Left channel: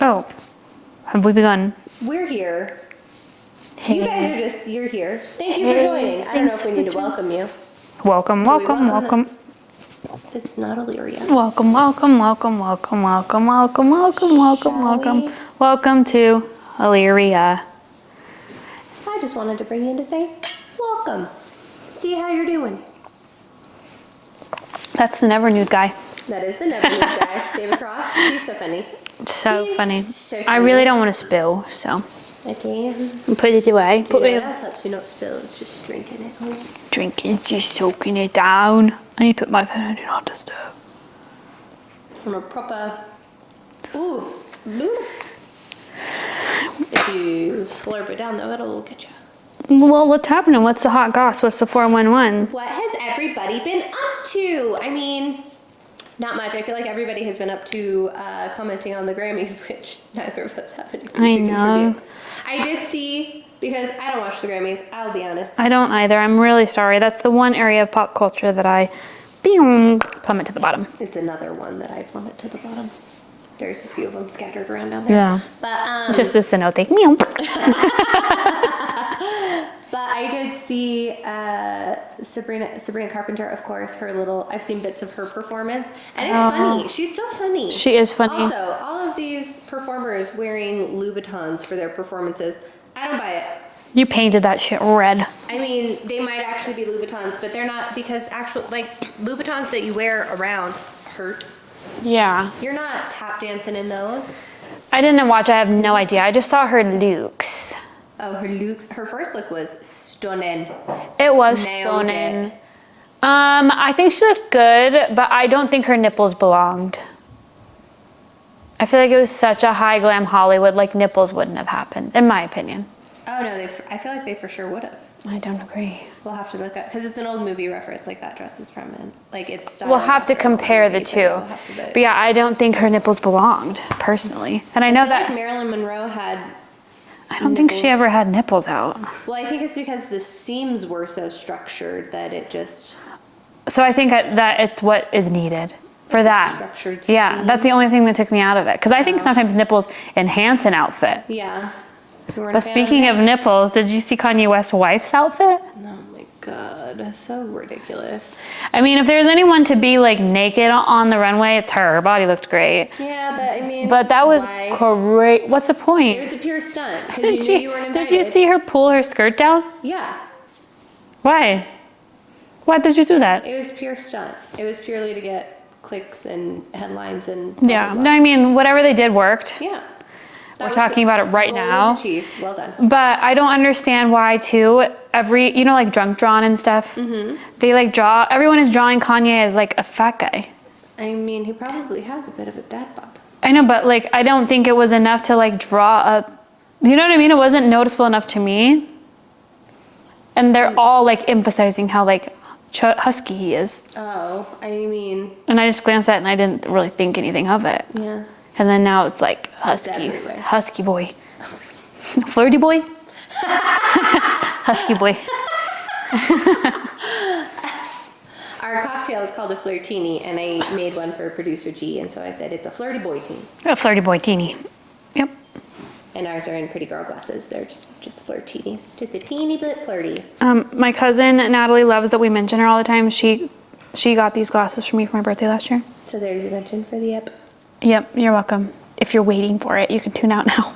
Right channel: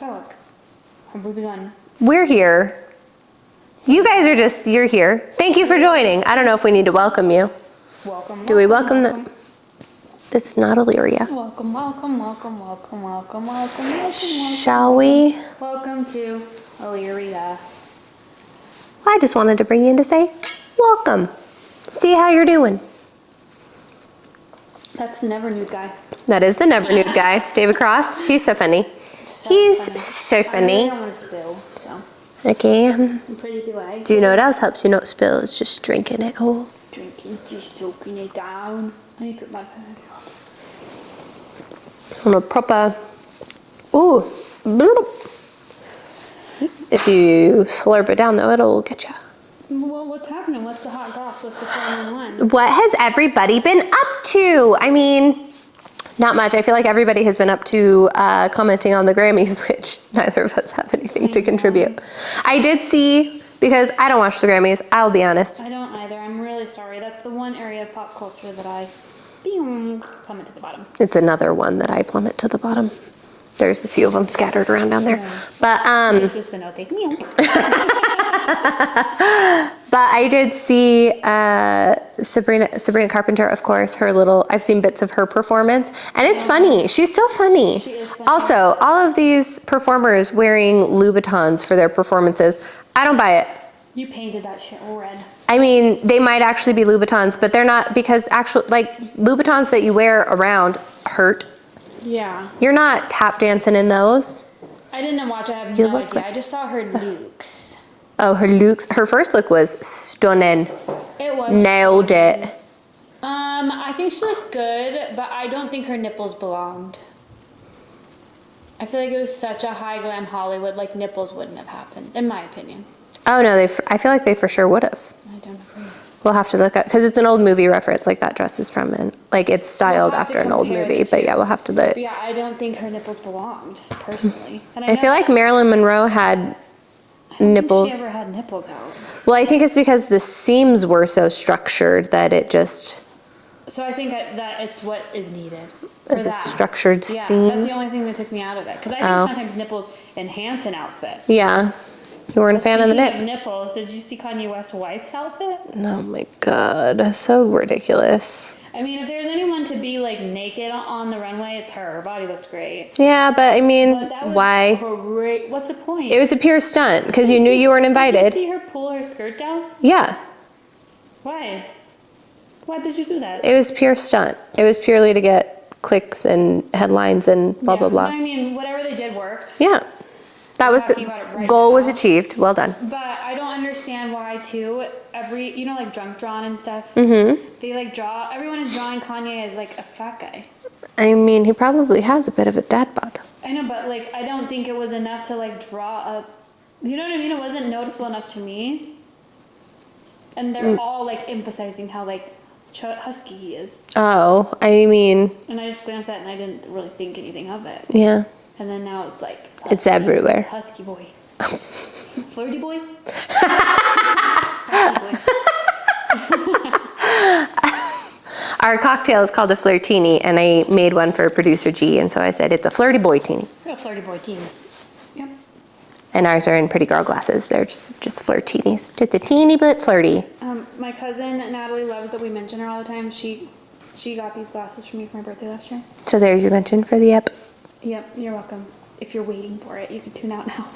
Oh, have we begun? We're here. You guys are you're here. Thank you for joining. I don't know if we need to welcome you. Welcome, Do we welcome, welcome welcome. This is not Illyria. Welcome, welcome, welcome, welcome, welcome, welcome, welcome, welcome. Shall we? Welcome to Illyria. I just wanted to bring you in to say, welcome. See how you're doing. That's the never nude guy. That is the never nude guy, David Cross. He's so funny. So funny. So funny. I really don't want to spill, so. Okay. Put it away. Do you know what else helps you not spill? It's just drinking it whole. Drinking, just soaking it down. I need to put my phone on do not disturb. On a proper. Ooh. Bloop. If you slurp it down though, it'll get you. Well, what's happening? What's the hot goss? What's the 411? What has everybody been up to? I mean, not much. I feel like everybody has been up to commenting on the Grammys, which neither of us have anything to contribute. I did see, because I don't watch the Grammys, I'll be honest. I don't either. I'm really sorry. That's the one area of pop culture that I plummet to the bottom. It's another one that I plummet to the bottom. There's a few of them scattered around down there. Yeah. But just a cenote. Meow. But I did see Sabrina Carpenter, of course, her little, I've seen bits of her performance, and it's funny. She's so funny. She is funny. Also, all of these performers wearing Louboutins for their performances, I don't buy it. You painted that shit red. I mean, they might actually be Louboutins, but they're not, because actual, like, Louboutins that you wear around hurt. Yeah. You're not tap dancing in those. I didn't watch. I have no idea. I just saw her looks. Oh, her looks. Her first look was stunning. It was Nailed stunning. it. I think she looked good, but I don't think her nipples belonged. I feel like it was such a high glam Hollywood, like nipples wouldn't have happened, in my opinion. Oh no, I feel like they for sure would have. I don't agree. We'll have to look up, because it's an old movie reference, like that dress is from, and like it's styled after an old movie. We'll have to compare the two. But yeah, we'll have to look. But yeah, I don't think her nipples belonged, personally. And I know feel like Marilyn Monroe had I don't nipples. think she ever had nipples out. Well, I think it's because the seams were so structured that it just. So I think that it's what is needed for It's that. a structured Yeah, seam. that's the only thing that took me out of it. Because I think sometimes nipples enhance an outfit. Yeah. You weren't a fan of the Speaking nip. of nipples, did you see Kanye West's wife's outfit? Oh my God, so ridiculous. I mean, if there's anyone to be like naked on the runway, it's her. Her body looked great. Yeah, but I mean, But that was why? great. What's the point? It was a pure stunt, because you knew you weren't invited. Did you see her pull her skirt down? Yeah. Why? Why did you do that? It was pure stunt. It was purely to get clicks and headlines and blah, blah, blah. No, I mean, whatever they did worked. Yeah. We're talking about it right now. Goal was achieved. Well done. But I don't understand why, too, you know, like drunk drawn and stuff? Mm-hmm. They like everyone is drawing Kanye as like a fat guy. I mean, he probably has a bit of a dad bod. I know, but like, I don't think it was enough to like draw you know what I mean? It wasn't noticeable enough to me. And they're all like emphasizing how like husky he is. Oh, I mean. And I just glanced at it and I didn't really think anything of it. Yeah. And then now it's like husky. It's everywhere. Husky boy. Flirty boy. Husky boy. Our cocktail is called a Flirtini, and I made one for producer G, and so I said it's a flirty boy teeny. A flirty boy teeny. Yep. And ours are in pretty girl glasses. They're just Flirtinis. Just a teeny bit flirty. My cousin Natalie loves that we mention her all the time. She got these glasses for me for my birthday last year. So there's your mention for the ep. Yep, you're welcome. If you're waiting for it, you can tune out now.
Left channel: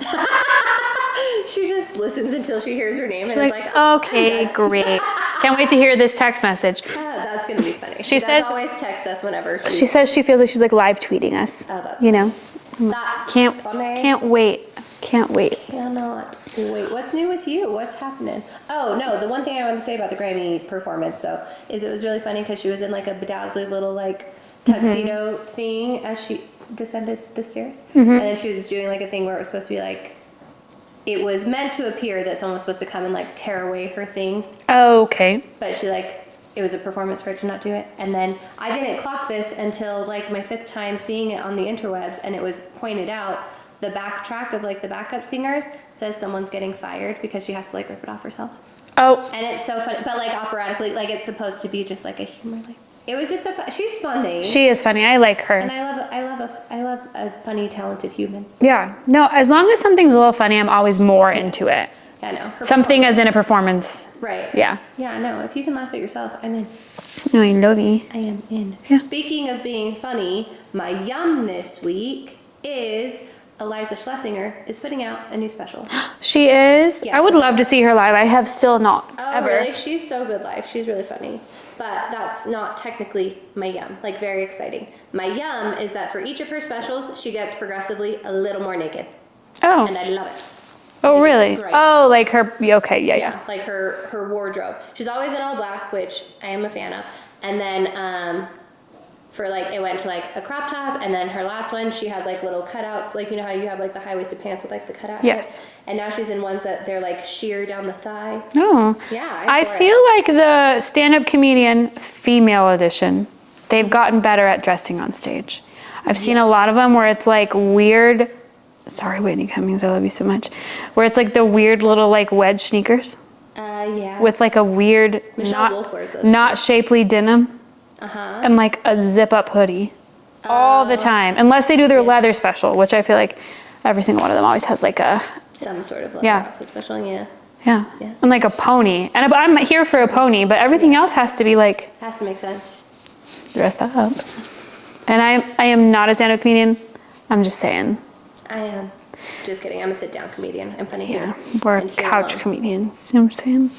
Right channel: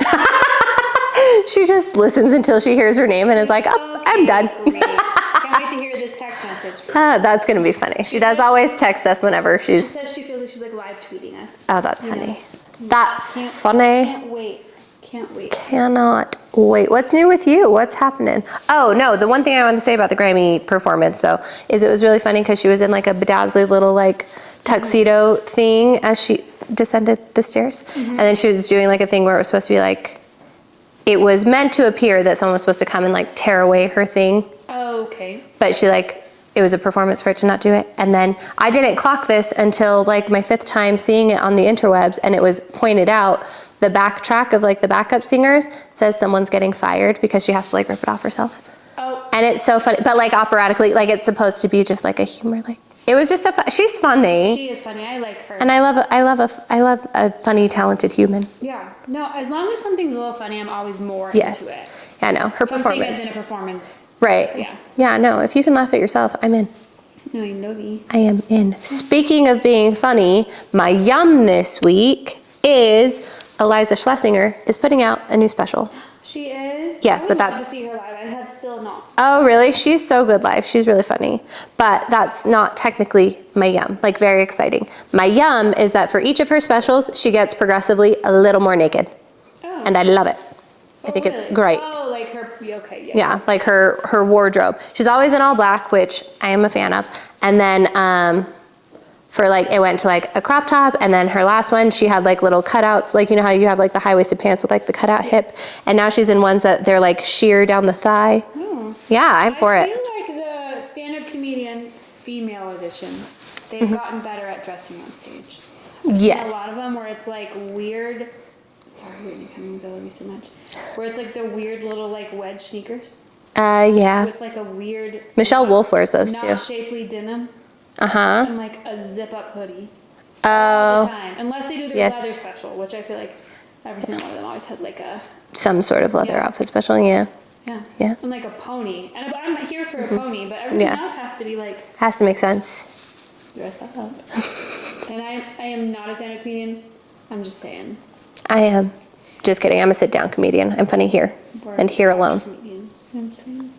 She just listens until she hears her name and is like, oh, okay, I'm done. Great. Can't wait to hear this text message. That's going to be funny. She does always text us whenever she says she feels like she's like live tweeting us. Oh, that's funny. That's funny. Can't wait. Can't wait. Cannot wait. What's new with you? What's happening? Oh, no. The one thing I wanted to say about the Grammy performance, though, is it was really funny because she was in like a bedazzly little like tuxedo thing as she descended the stairs. And then she was doing like a thing where it was supposed to be like, it was meant to appear that someone was supposed to come and like tear away her thing. Oh, okay. But she like, it was a performance for it to not do it. And then I didn't clock this until like my 5th time seeing it on the interwebs, and it was pointed out the backtrack of like the backup singers says someone's getting fired because she has to like rip it off herself. Oh. And it's so funny, but like operatically, like it's supposed to be just like a humor, like It was just she's funny. She is funny. I like her. And I love a funny, talented human. Yeah. No, as long as something's a little funny, I'm always more into it. I know. Her Something as in a performance. Right. Yeah. Yeah, no, if you can laugh at yourself, I'm in. No, I love you. I am in. Yeah. Speaking of being funny, my yum this week is Eliza Schlesinger is putting out a new special. She is? Yes, I would love to see her live. I have still not. Oh, ever. really? She's so good live. She's really funny. But that's not technically my yum. Like, very exciting. My yum is that for each of her specials, she gets progressively a little more naked. Oh. And I love it. I Oh, think really? It's great. Oh, like her, okay, yeah. Yeah, like her wardrobe. She's always in all black, which I am a fan of. And then for like, it went to like a crop top, and then her last one, she had like little cutouts, like you know how you have like the high-waisted pants with like the cutout hips, and now she's in ones that they're like sheer down the thigh. Oh. Yeah, I'm for it. I feel like the stand-up comedian female edition, they've gotten better at dressing on stage. I've seen a lot of them where it's like weird, sorry Whitney Cummings, I love you so much, where it's like the weird little like wedge sneakers. Yeah. With like a weird, Michelle Wolf wears those not too. shapely denim. Uh-huh. And like a zip-up hoodie all the time, unless they do their leather special, which I feel like every single one of them always has like a some sort of leather outfit special. Yeah. Yeah. Yeah. And like a pony, and I'm here for a pony, but everything else has to be like has to make sense. Dressed up. And I am not a stand-up comedian. I'm just saying. I am. Just kidding. I'm a sit-down comedian. I'm funny here We're and here couch alone. comedians. You know what I'm saying?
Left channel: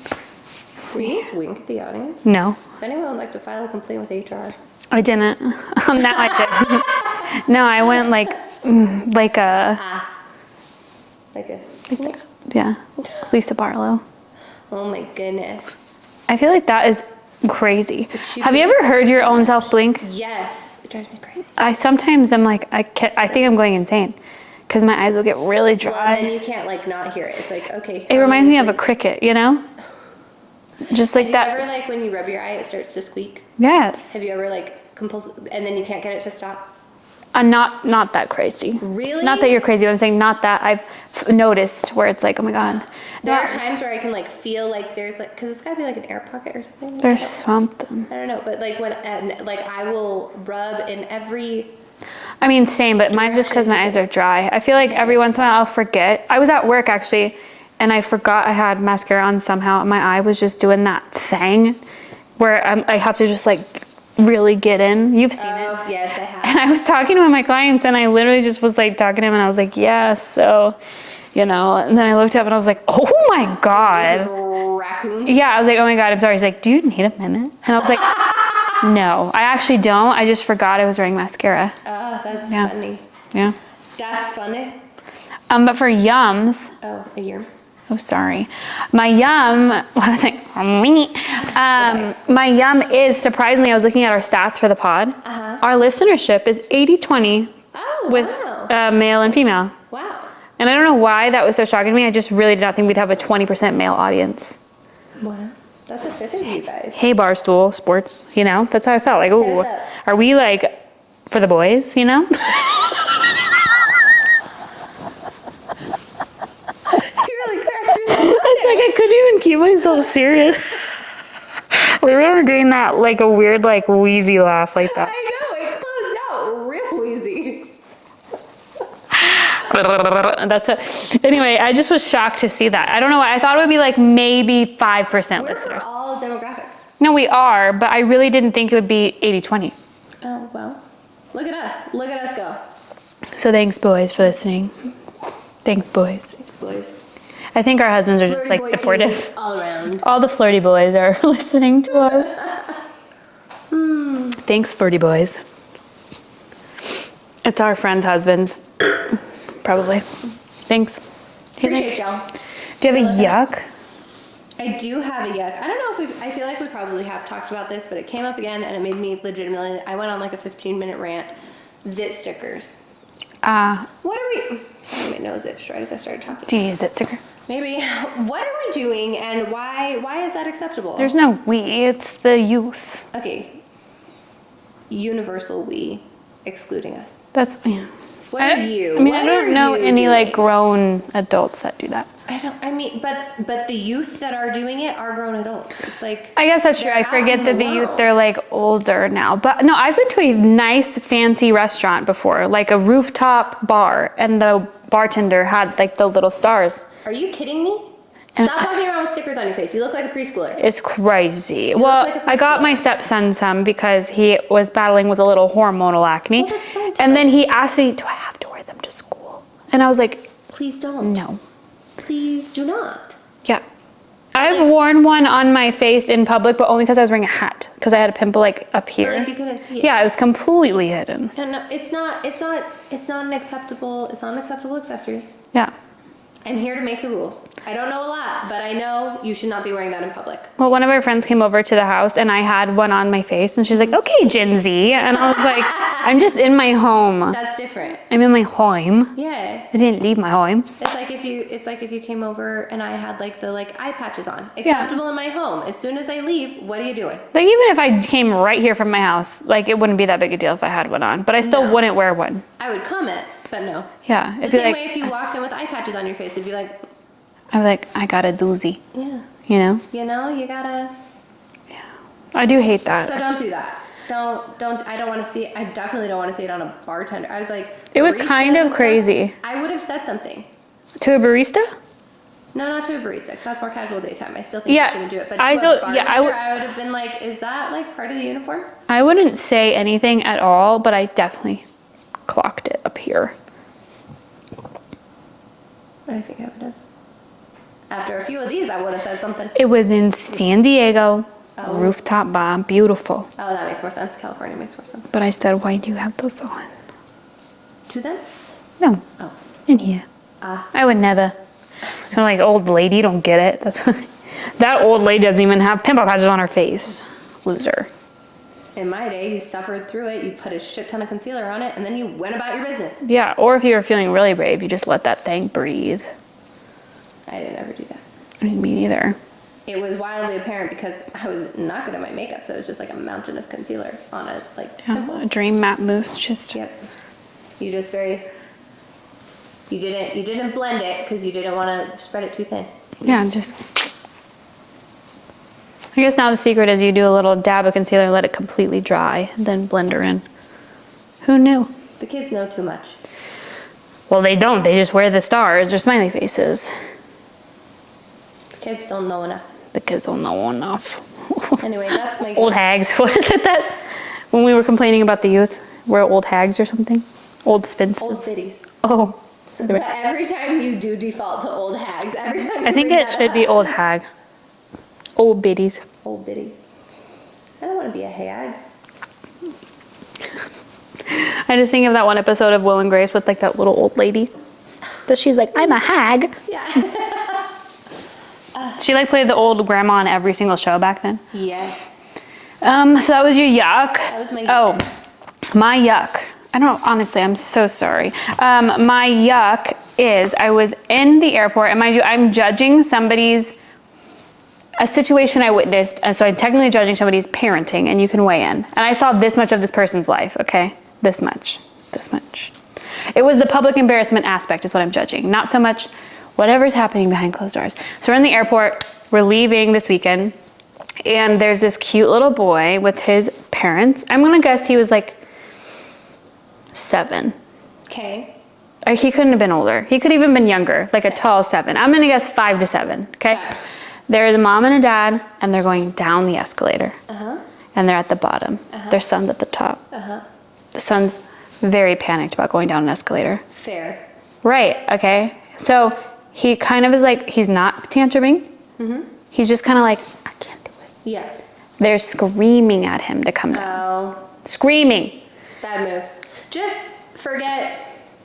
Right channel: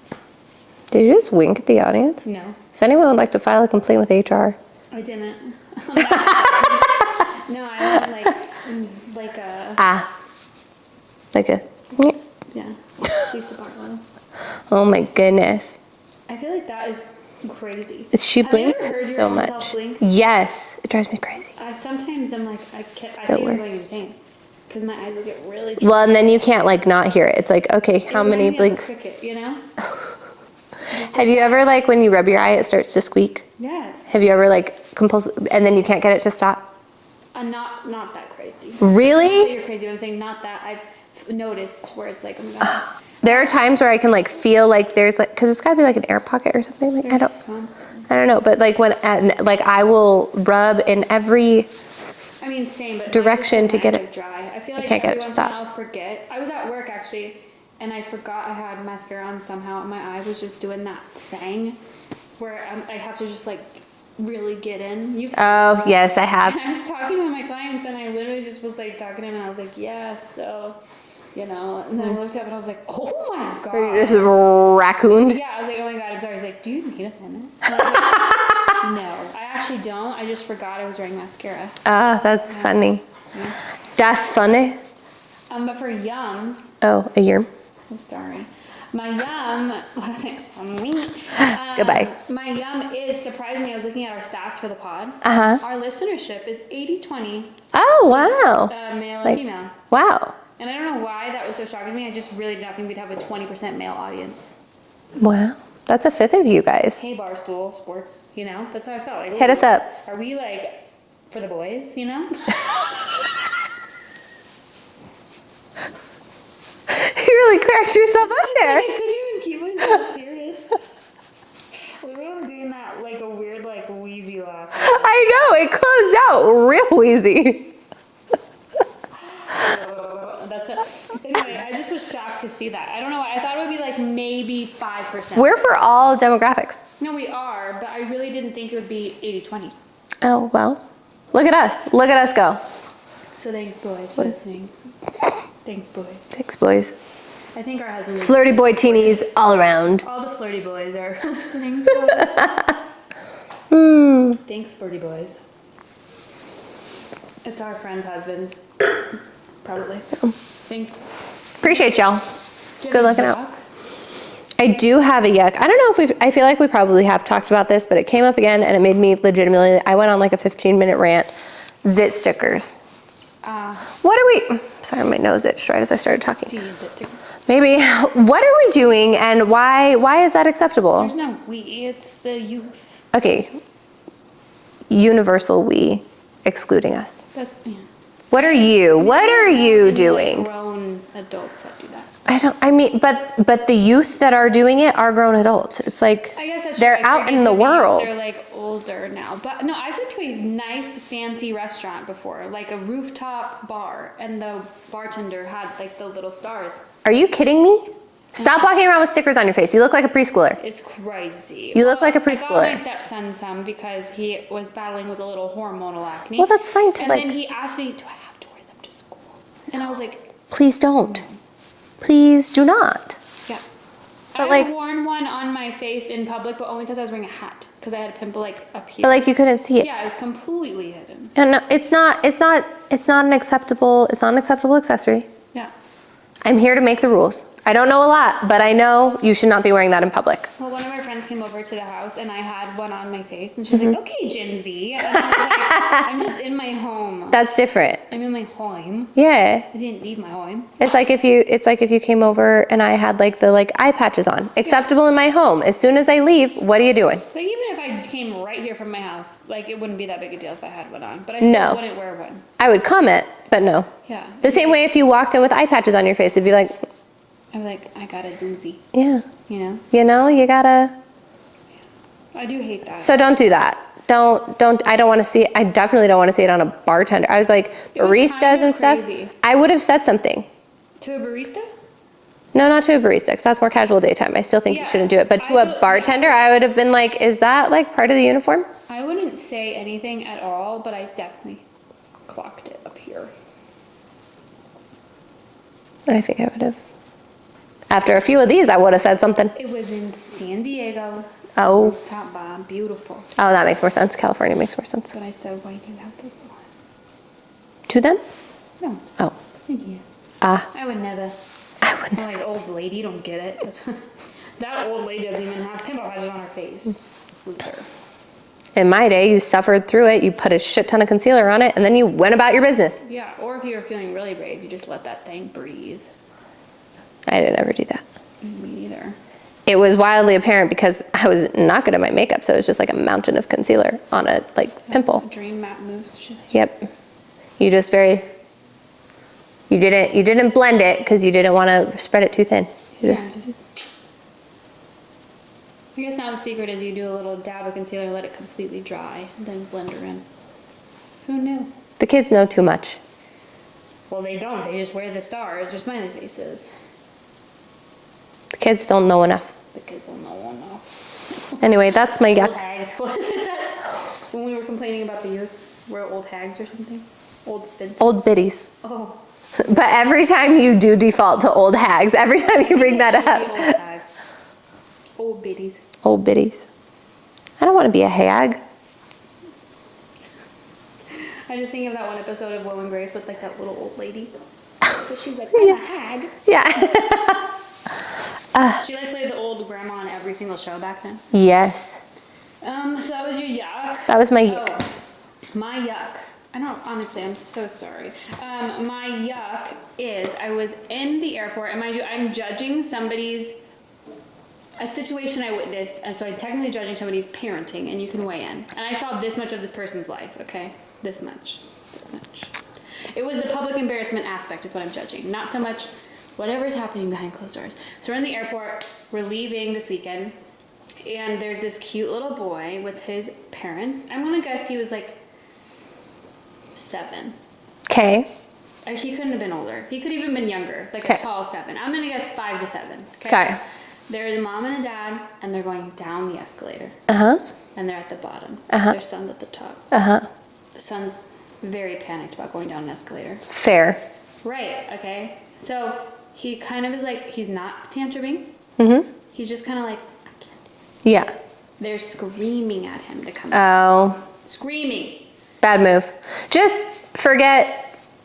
Did you just wink at the audience? No. If anyone would like to file a complaint with HR. I didn't. On that I didn't. No, I went like a... Yeah. Lisa Barlow. Oh my goodness. I feel like that is crazy. She Have you ever blinks heard your so own much. self blink? Yes. It drives me crazy. I sometimes I'm like, I think I'm going insane. Because my eyes will get really dry. Well, and then you can't like not hear it. It's like, okay, It reminds me of a cricket, you know? Just like Have you ever like when you rub your eye, it starts to squeak? Yes. Have you ever like and then you can't get it to stop? Not that crazy. Really? Not that you're crazy, but I'm saying not that I've noticed where it's like, oh my God. There are times where I can like feel like there's like, cause it's gotta be like an air pocket or something. Like, There's something. I don't know, but like like I will rub in every. I mean, same, but mine just because direction my to eyes get are dry. I feel like can't every get it to once in a while I'll stop. forget. I was at work actually, and I forgot I had mascara on somehow, and my eye was just doing that thing where I have to just like really get in. You've seen it. Oh yes, I have. And I was talking to one of my clients, and I literally just was like talking to him, and I was like, yeah, so, you know, and then I looked up and I was like, oh my This is God. raccoon. Yeah, I was like, oh my God, I'm sorry. He's like, do you need a minute? And I was like, no, I actually don't. I just forgot I was wearing mascara. That's funny. Yeah. That's funny. But for yums, Oh, a year. oh, sorry. My yum, I was like, Goodbye. my yum is, surprisingly, I was looking at our stats for the pod. Uh-huh. Our listenership is 80-20 Oh, wow. male and female. Wow. And I don't know why that was so shocking to me. I just really did not think we'd have a 20% male audience. Wow. That's a fifth of you guys. Hey, Barstool Sports, you know? That's how I felt. Like, Hit ooh, us up. Are we like for the boys, you know? You really cracked yourself up It's there. like I couldn't even keep myself serious. We were doing that like a weird like wheezy laugh like that. I know, it closed out real easy. That's it. Anyway, I just was shocked to see that. I don't know why. I thought it would be like maybe 5%. We're for all demographics. No, we are, but I really didn't think it would be 80-20. Oh, well. Look at us. Look at us go. So thanks, boys, for listening. Thanks, boys. Thanks, boys. I think our husbands are Flirty just boy like supportive. teenies all around. All the flirty boys are listening to us. Thanks, flirty boys. It's our friends' husbands. Probably. Thanks. Appreciate y'all. Do you have Good a looking yuck? I do have a yuck. I don't know if I feel like we probably have talked about this, but it came up again and it made me legitimately, I went on like a 15-minute rant. Zit stickers. What are we, sorry, my nose itched right as I started talking. Do you use it, sticker? Maybe. What are we doing and why is that acceptable? There's no we, it's the youth. Okay. Universal we, excluding us. That's, yeah. What are you? I mean, What I don't are know you any doing? like grown adults that do that. But the youth that are doing it are grown adults. It's like I guess that's true. they're I out forget in that the world. they're like older now. But no, I've been to a nice fancy restaurant before, like a rooftop bar, and the bartender had like the little stars. Are you kidding me? Stop walking around with stickers on your face. You look like a preschooler. It's crazy. You look like a I got preschooler. my stepson some because he was battling with a little hormonal acne. Well, that's fine too, And like- then he asked me, do I have to wear them to school? And I was like, Please don't. no. Please do not. Yeah. But, I've like- worn one on my face in public, but only because I was wearing a hat. Because I had a pimple like up here. But like you couldn't see it. Yeah, it was completely hidden. No, it's not an acceptable accessory. Yeah. I'm here to make the rules. I don't know a lot, but I know you should not be wearing that in public. Well, one of our friends came over to the house and I had one on my face and she's Mm-hmm. like, okay, Gen Z. And I was like, I'm just in my home. That's different. I'm in my home. Yeah. I didn't leave my home. It's like if you came over and I had like the eye patches on. Acceptable in my home. As soon as I leave, what are you doing? Like even if I came right here from my house, like it wouldn't be that big a deal if I had one on, but I still No. wouldn't wear one. I would comment, but no. Yeah. The same way if you walked in with eye patches on your face, it'd be like, I'm like, I got a doozy, yeah. you know? You gotta. I do hate that. So don't do that. I don't want to see it. I definitely don't want to see it on a bartender. I was like, It was baristas kind of and stuff, crazy. I would have said something. To a barista? No, not to a barista, because that's more casual daytime. I still think Yeah, you shouldn't do it. But to a bartender, I would have been like, is that like part of the uniform? I wouldn't say anything at all, but I definitely clocked it up here. I think I would have. After a few of these, I would have said something. It was in San Diego. Oh. Rooftop bar, beautiful. Oh, that makes more sense. California makes more sense. But I said, why do you have those on? To them? No, Oh. in here. Ah. I would never. I'm like, old lady, you don't get it. That old lady doesn't even have pimple patches on her face. Loser. In my day, you suffered through it. You put a shit ton of concealer on it, and then you went about your business. Yeah, or if you were feeling really brave, you just let that thing breathe. I didn't ever do that. I mean, me neither. It was wildly apparent because I was not good at my makeup, so it was just like a mountain of concealer on a pimple. A dream matte mousse, just. Yep. You just you didn't blend it because you didn't want to spread it too thin. Yeah, just. I guess now the secret is you do a little dab of concealer, let it completely dry, then blend her in. Who knew? The kids know too much. Well, they don't. They just wear the stars or smiley faces. The kids don't know enough. The kids don't know enough. Anyway, that's my Old guess. hags. What is it that when we were complaining about the youth, we're old hags or something? Old spinsters. Old biddies. Oh. But every time you do default to old hags, every time you I think bring it that should up. be old hag. Old biddies. Old biddies. I don't want to be a hag. I just think of that one episode of Will and Grace with like that little old lady. That she's like, I'm a hag. Yeah. She like played the old grandma on every single show back then. Yes. So that was your yuck. That was my yuck. Oh, my yuck. I don't know, honestly, I'm so sorry. My yuck is I was in the airport, and mind you, I'm judging a situation I witnessed, and so I'm technically judging somebody's parenting, and you can weigh in. And I saw this much of this person's life, okay? This much. It was the public embarrassment aspect is what I'm judging, not so much whatever's happening behind closed doors. So we're in the airport, we're leaving this weekend, and there's this cute little boy with his parents. I'm gonna guess he was like 7. Okay. He couldn't have been older. He could have even been younger, like a Okay. tall 7. I'm gonna guess 5 to 7, okay? Okay. There's a mom and a dad, and they're going down the escalator. Uh-huh. And they're at the bottom. Their son's at the top. Uh-huh. The son's very panicked about going down an escalator. Fair. Right, okay? So he kind of is like, he's not tantruming. Mm-hmm. He's just kind of like, I can't do it. Yeah. They're screaming at him to come down. Oh, Screaming. bad move. Just forget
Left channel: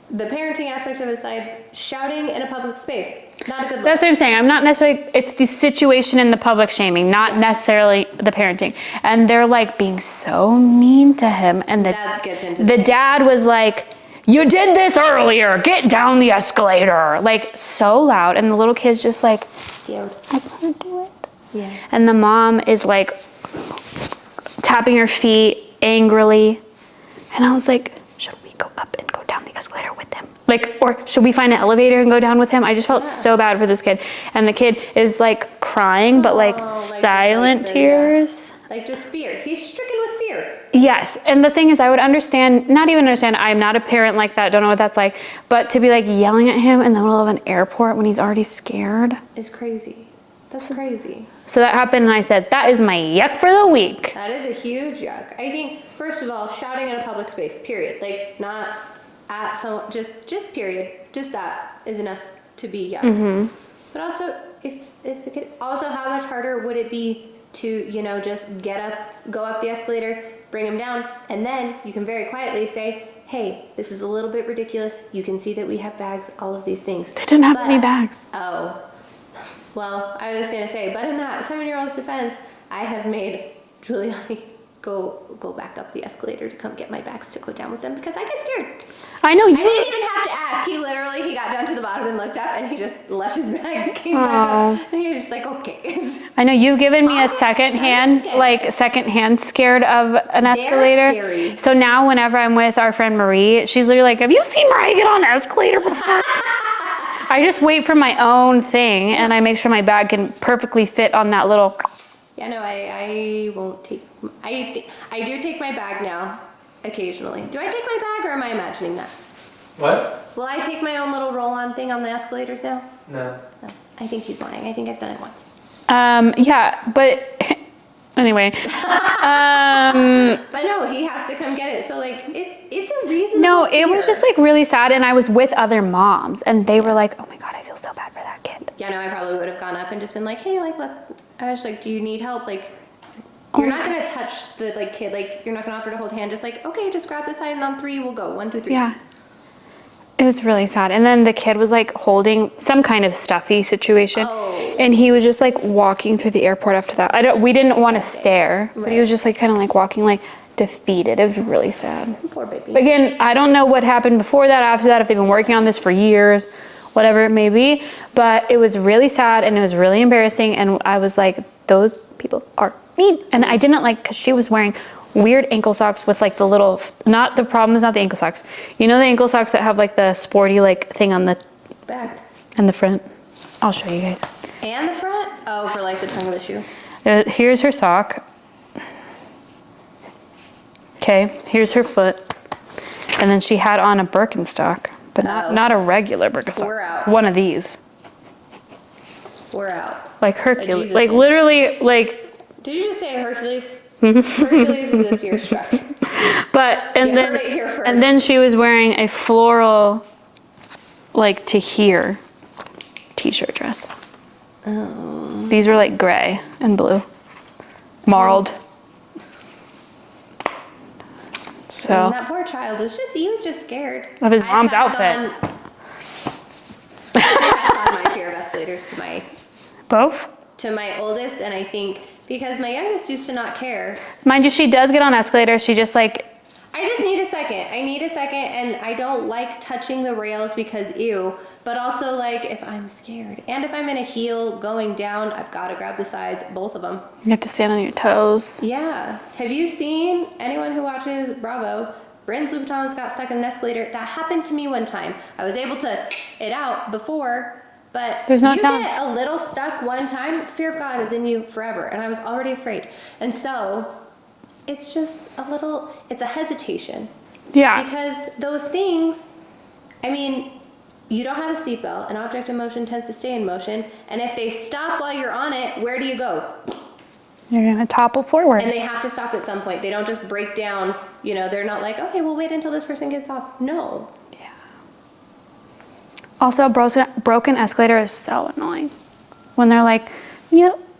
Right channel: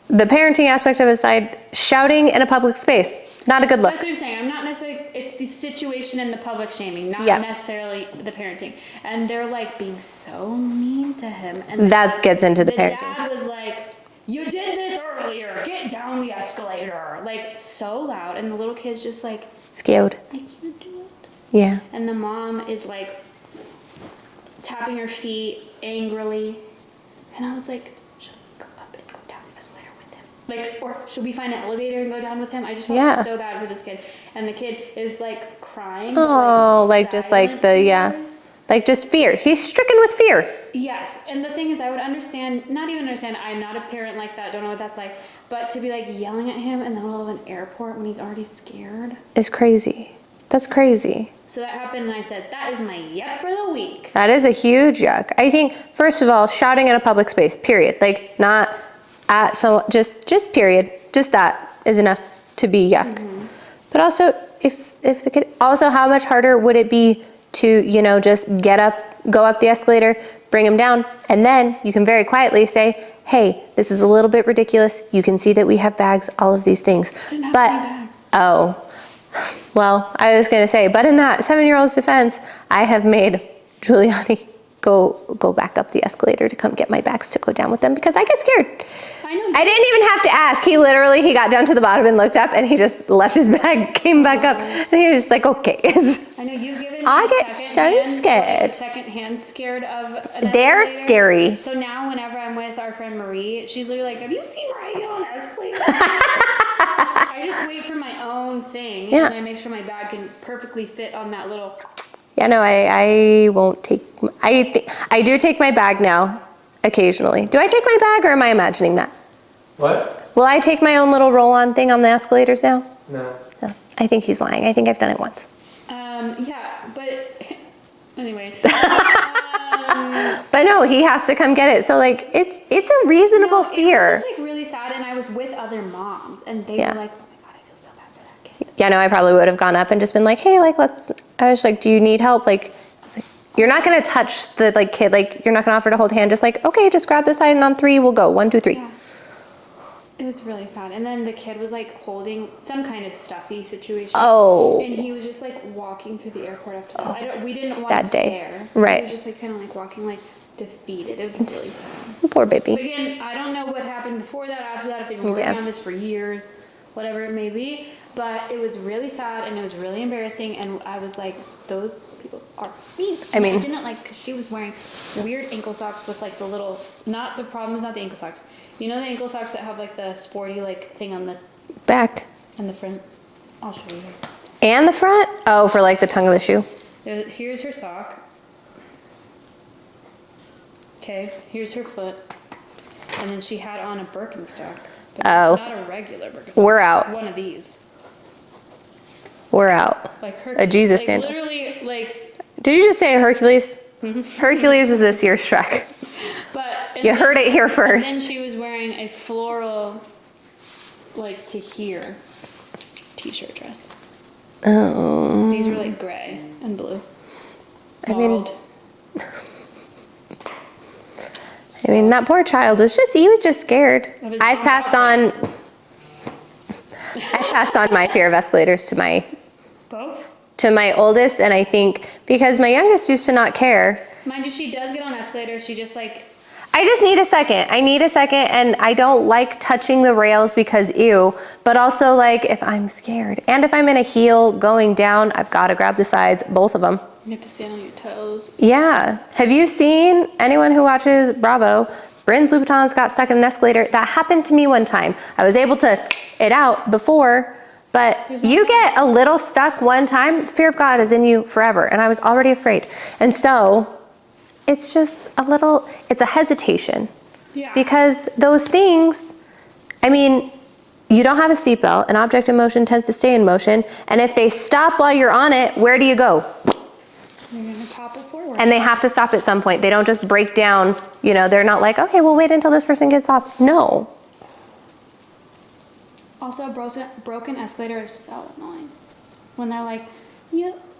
the parenting aspect of his side. Shouting in a public space. Not a good look. That's what I'm saying. I'm not necessarily, it's the situation in the public shaming, not Yeah. necessarily the parenting. And they're like being so mean to him. And That gets into the parenting. dad was like, you did this earlier, get down the escalator. Like so loud. And the little kid's just like, Scared. I can't do it. Yeah. And the mom is like tapping her feet angrily. And I was like, should we go up and go down the escalator with Like, or should we find an elevator and go down with him? I just felt Yeah. so bad for this kid. And the kid is like crying, but like just silent tears. Like just fear. He's stricken with fear. Yes, and the thing is, I would understand, not even understand, I'm not a parent like that, don't know what that's like, but to be like yelling at him in the middle of an airport when he's already scared. Is crazy. That's crazy. So that happened and I said, that is my yuck for the week. That is a huge yuck. I think, first of all, shouting in a public space, period. Like not at so just period. Just that is enough to be yuck. But also, if the kid, also how much harder would it be to, you know, just get up, go up the escalator, bring him down, and then you can very quietly say, hey, this is a little bit ridiculous. You can see that we have bags, all of these things. I didn't have any bags. Oh, well, I was going to say, but in that 7-year-old's defense, I have made Giuliani go back up the escalator to come get my bags to go down with them because I get scared. I know. I didn't even have to ask. He got down to the bottom and looked up and he just left his bag, came back up, and he was just like, okay. I know you've given me I a get secondhand scared of an escalator. They're scary. So now whenever I'm with our friend Marie, she's literally like, have you seen Mariah get on an escalator before? I just wait for my own thing and I make sure my bag can perfectly fit on that little. Yeah, no, I won't take, I do take my bag now, occasionally. Do I take my bag or am I imagining that? What? Will I take my own little roll-on thing on the escalators now? No. No, I think he's lying. I think I've done it once. Yeah, but anyway. But no, he has to come get it. So like, it's a reasonable fear. It was just like really sad, and I was with other moms, and they were like, oh my God, I feel so bad for that kid. Yeah, no, I probably would have gone up and just been like, hey, like, I was like, do you need help? Like, it's like you're not gonna touch the like kid, like you're not gonna offer to hold hand, just like, okay, just grab the side and on 3, we'll go, 1, 2, 3. Yeah. It was really sad. And then the kid was like holding some kind of stuffy situation. Oh. And he was just like walking through the airport after that. We didn't want to Sad day. stare. Right. He was just like kind of like walking like defeated. It was really sad. Poor baby. Again, I don't know what happened before that, after that, if they've been working on this for years, whatever it may be. But it was really sad and it was really embarrassing. And I was like, those people are mean. And I didn't like, because she was wearing weird ankle socks with like the little, the problem is not the ankle socks. You know the ankle socks that have like the sporty like thing on the back and the front? I'll show you guys. and the front? Oh, for like the tongue of the shoe. Here's her sock. Okay, here's her foot. And then she had on a Birkenstock, but not a regular Birkenstock. We're out. One of these. We're out. Like Hercules. Jesus Like sandal. literally like. Did you just say Hercules? Hercules is this year's Shrek. You heard it here first. And then she was wearing a floral, like to here, t-shirt dress. Oh. These were like gray and blue, marled. I mean, that poor child was just scared. Of his mom's outfit. I passed on my fear of escalators to my oldest, and I think because my youngest used to not care. Mind you, she does get on escalators. She just like. I just need a second. I need a second, and I don't like touching the rails because ew, but also like if I'm scared and if I'm in a heel going down, I've got to grab the sides, both of them. You have to stand on your toes. Yeah. Have you seen anyone who watches Bravo? Bryn's Louboutins got stuck in an escalator. That happened to me one time. I was able to it out before, but you get a little stuck one time, fear of God is in you forever, and I was already afraid. And so it's just it's a hesitation. Yeah. Because those things, I mean, you don't have a seatbelt. An object in motion tends to stay in motion. And if they stop while you're on it, where do you go? You're going to topple forward. And they have to stop at some point. They don't just break down. You know, they're not like, okay, we'll wait until this person gets off. No. Yeah. Also, a broken escalator is so annoying. When they're like,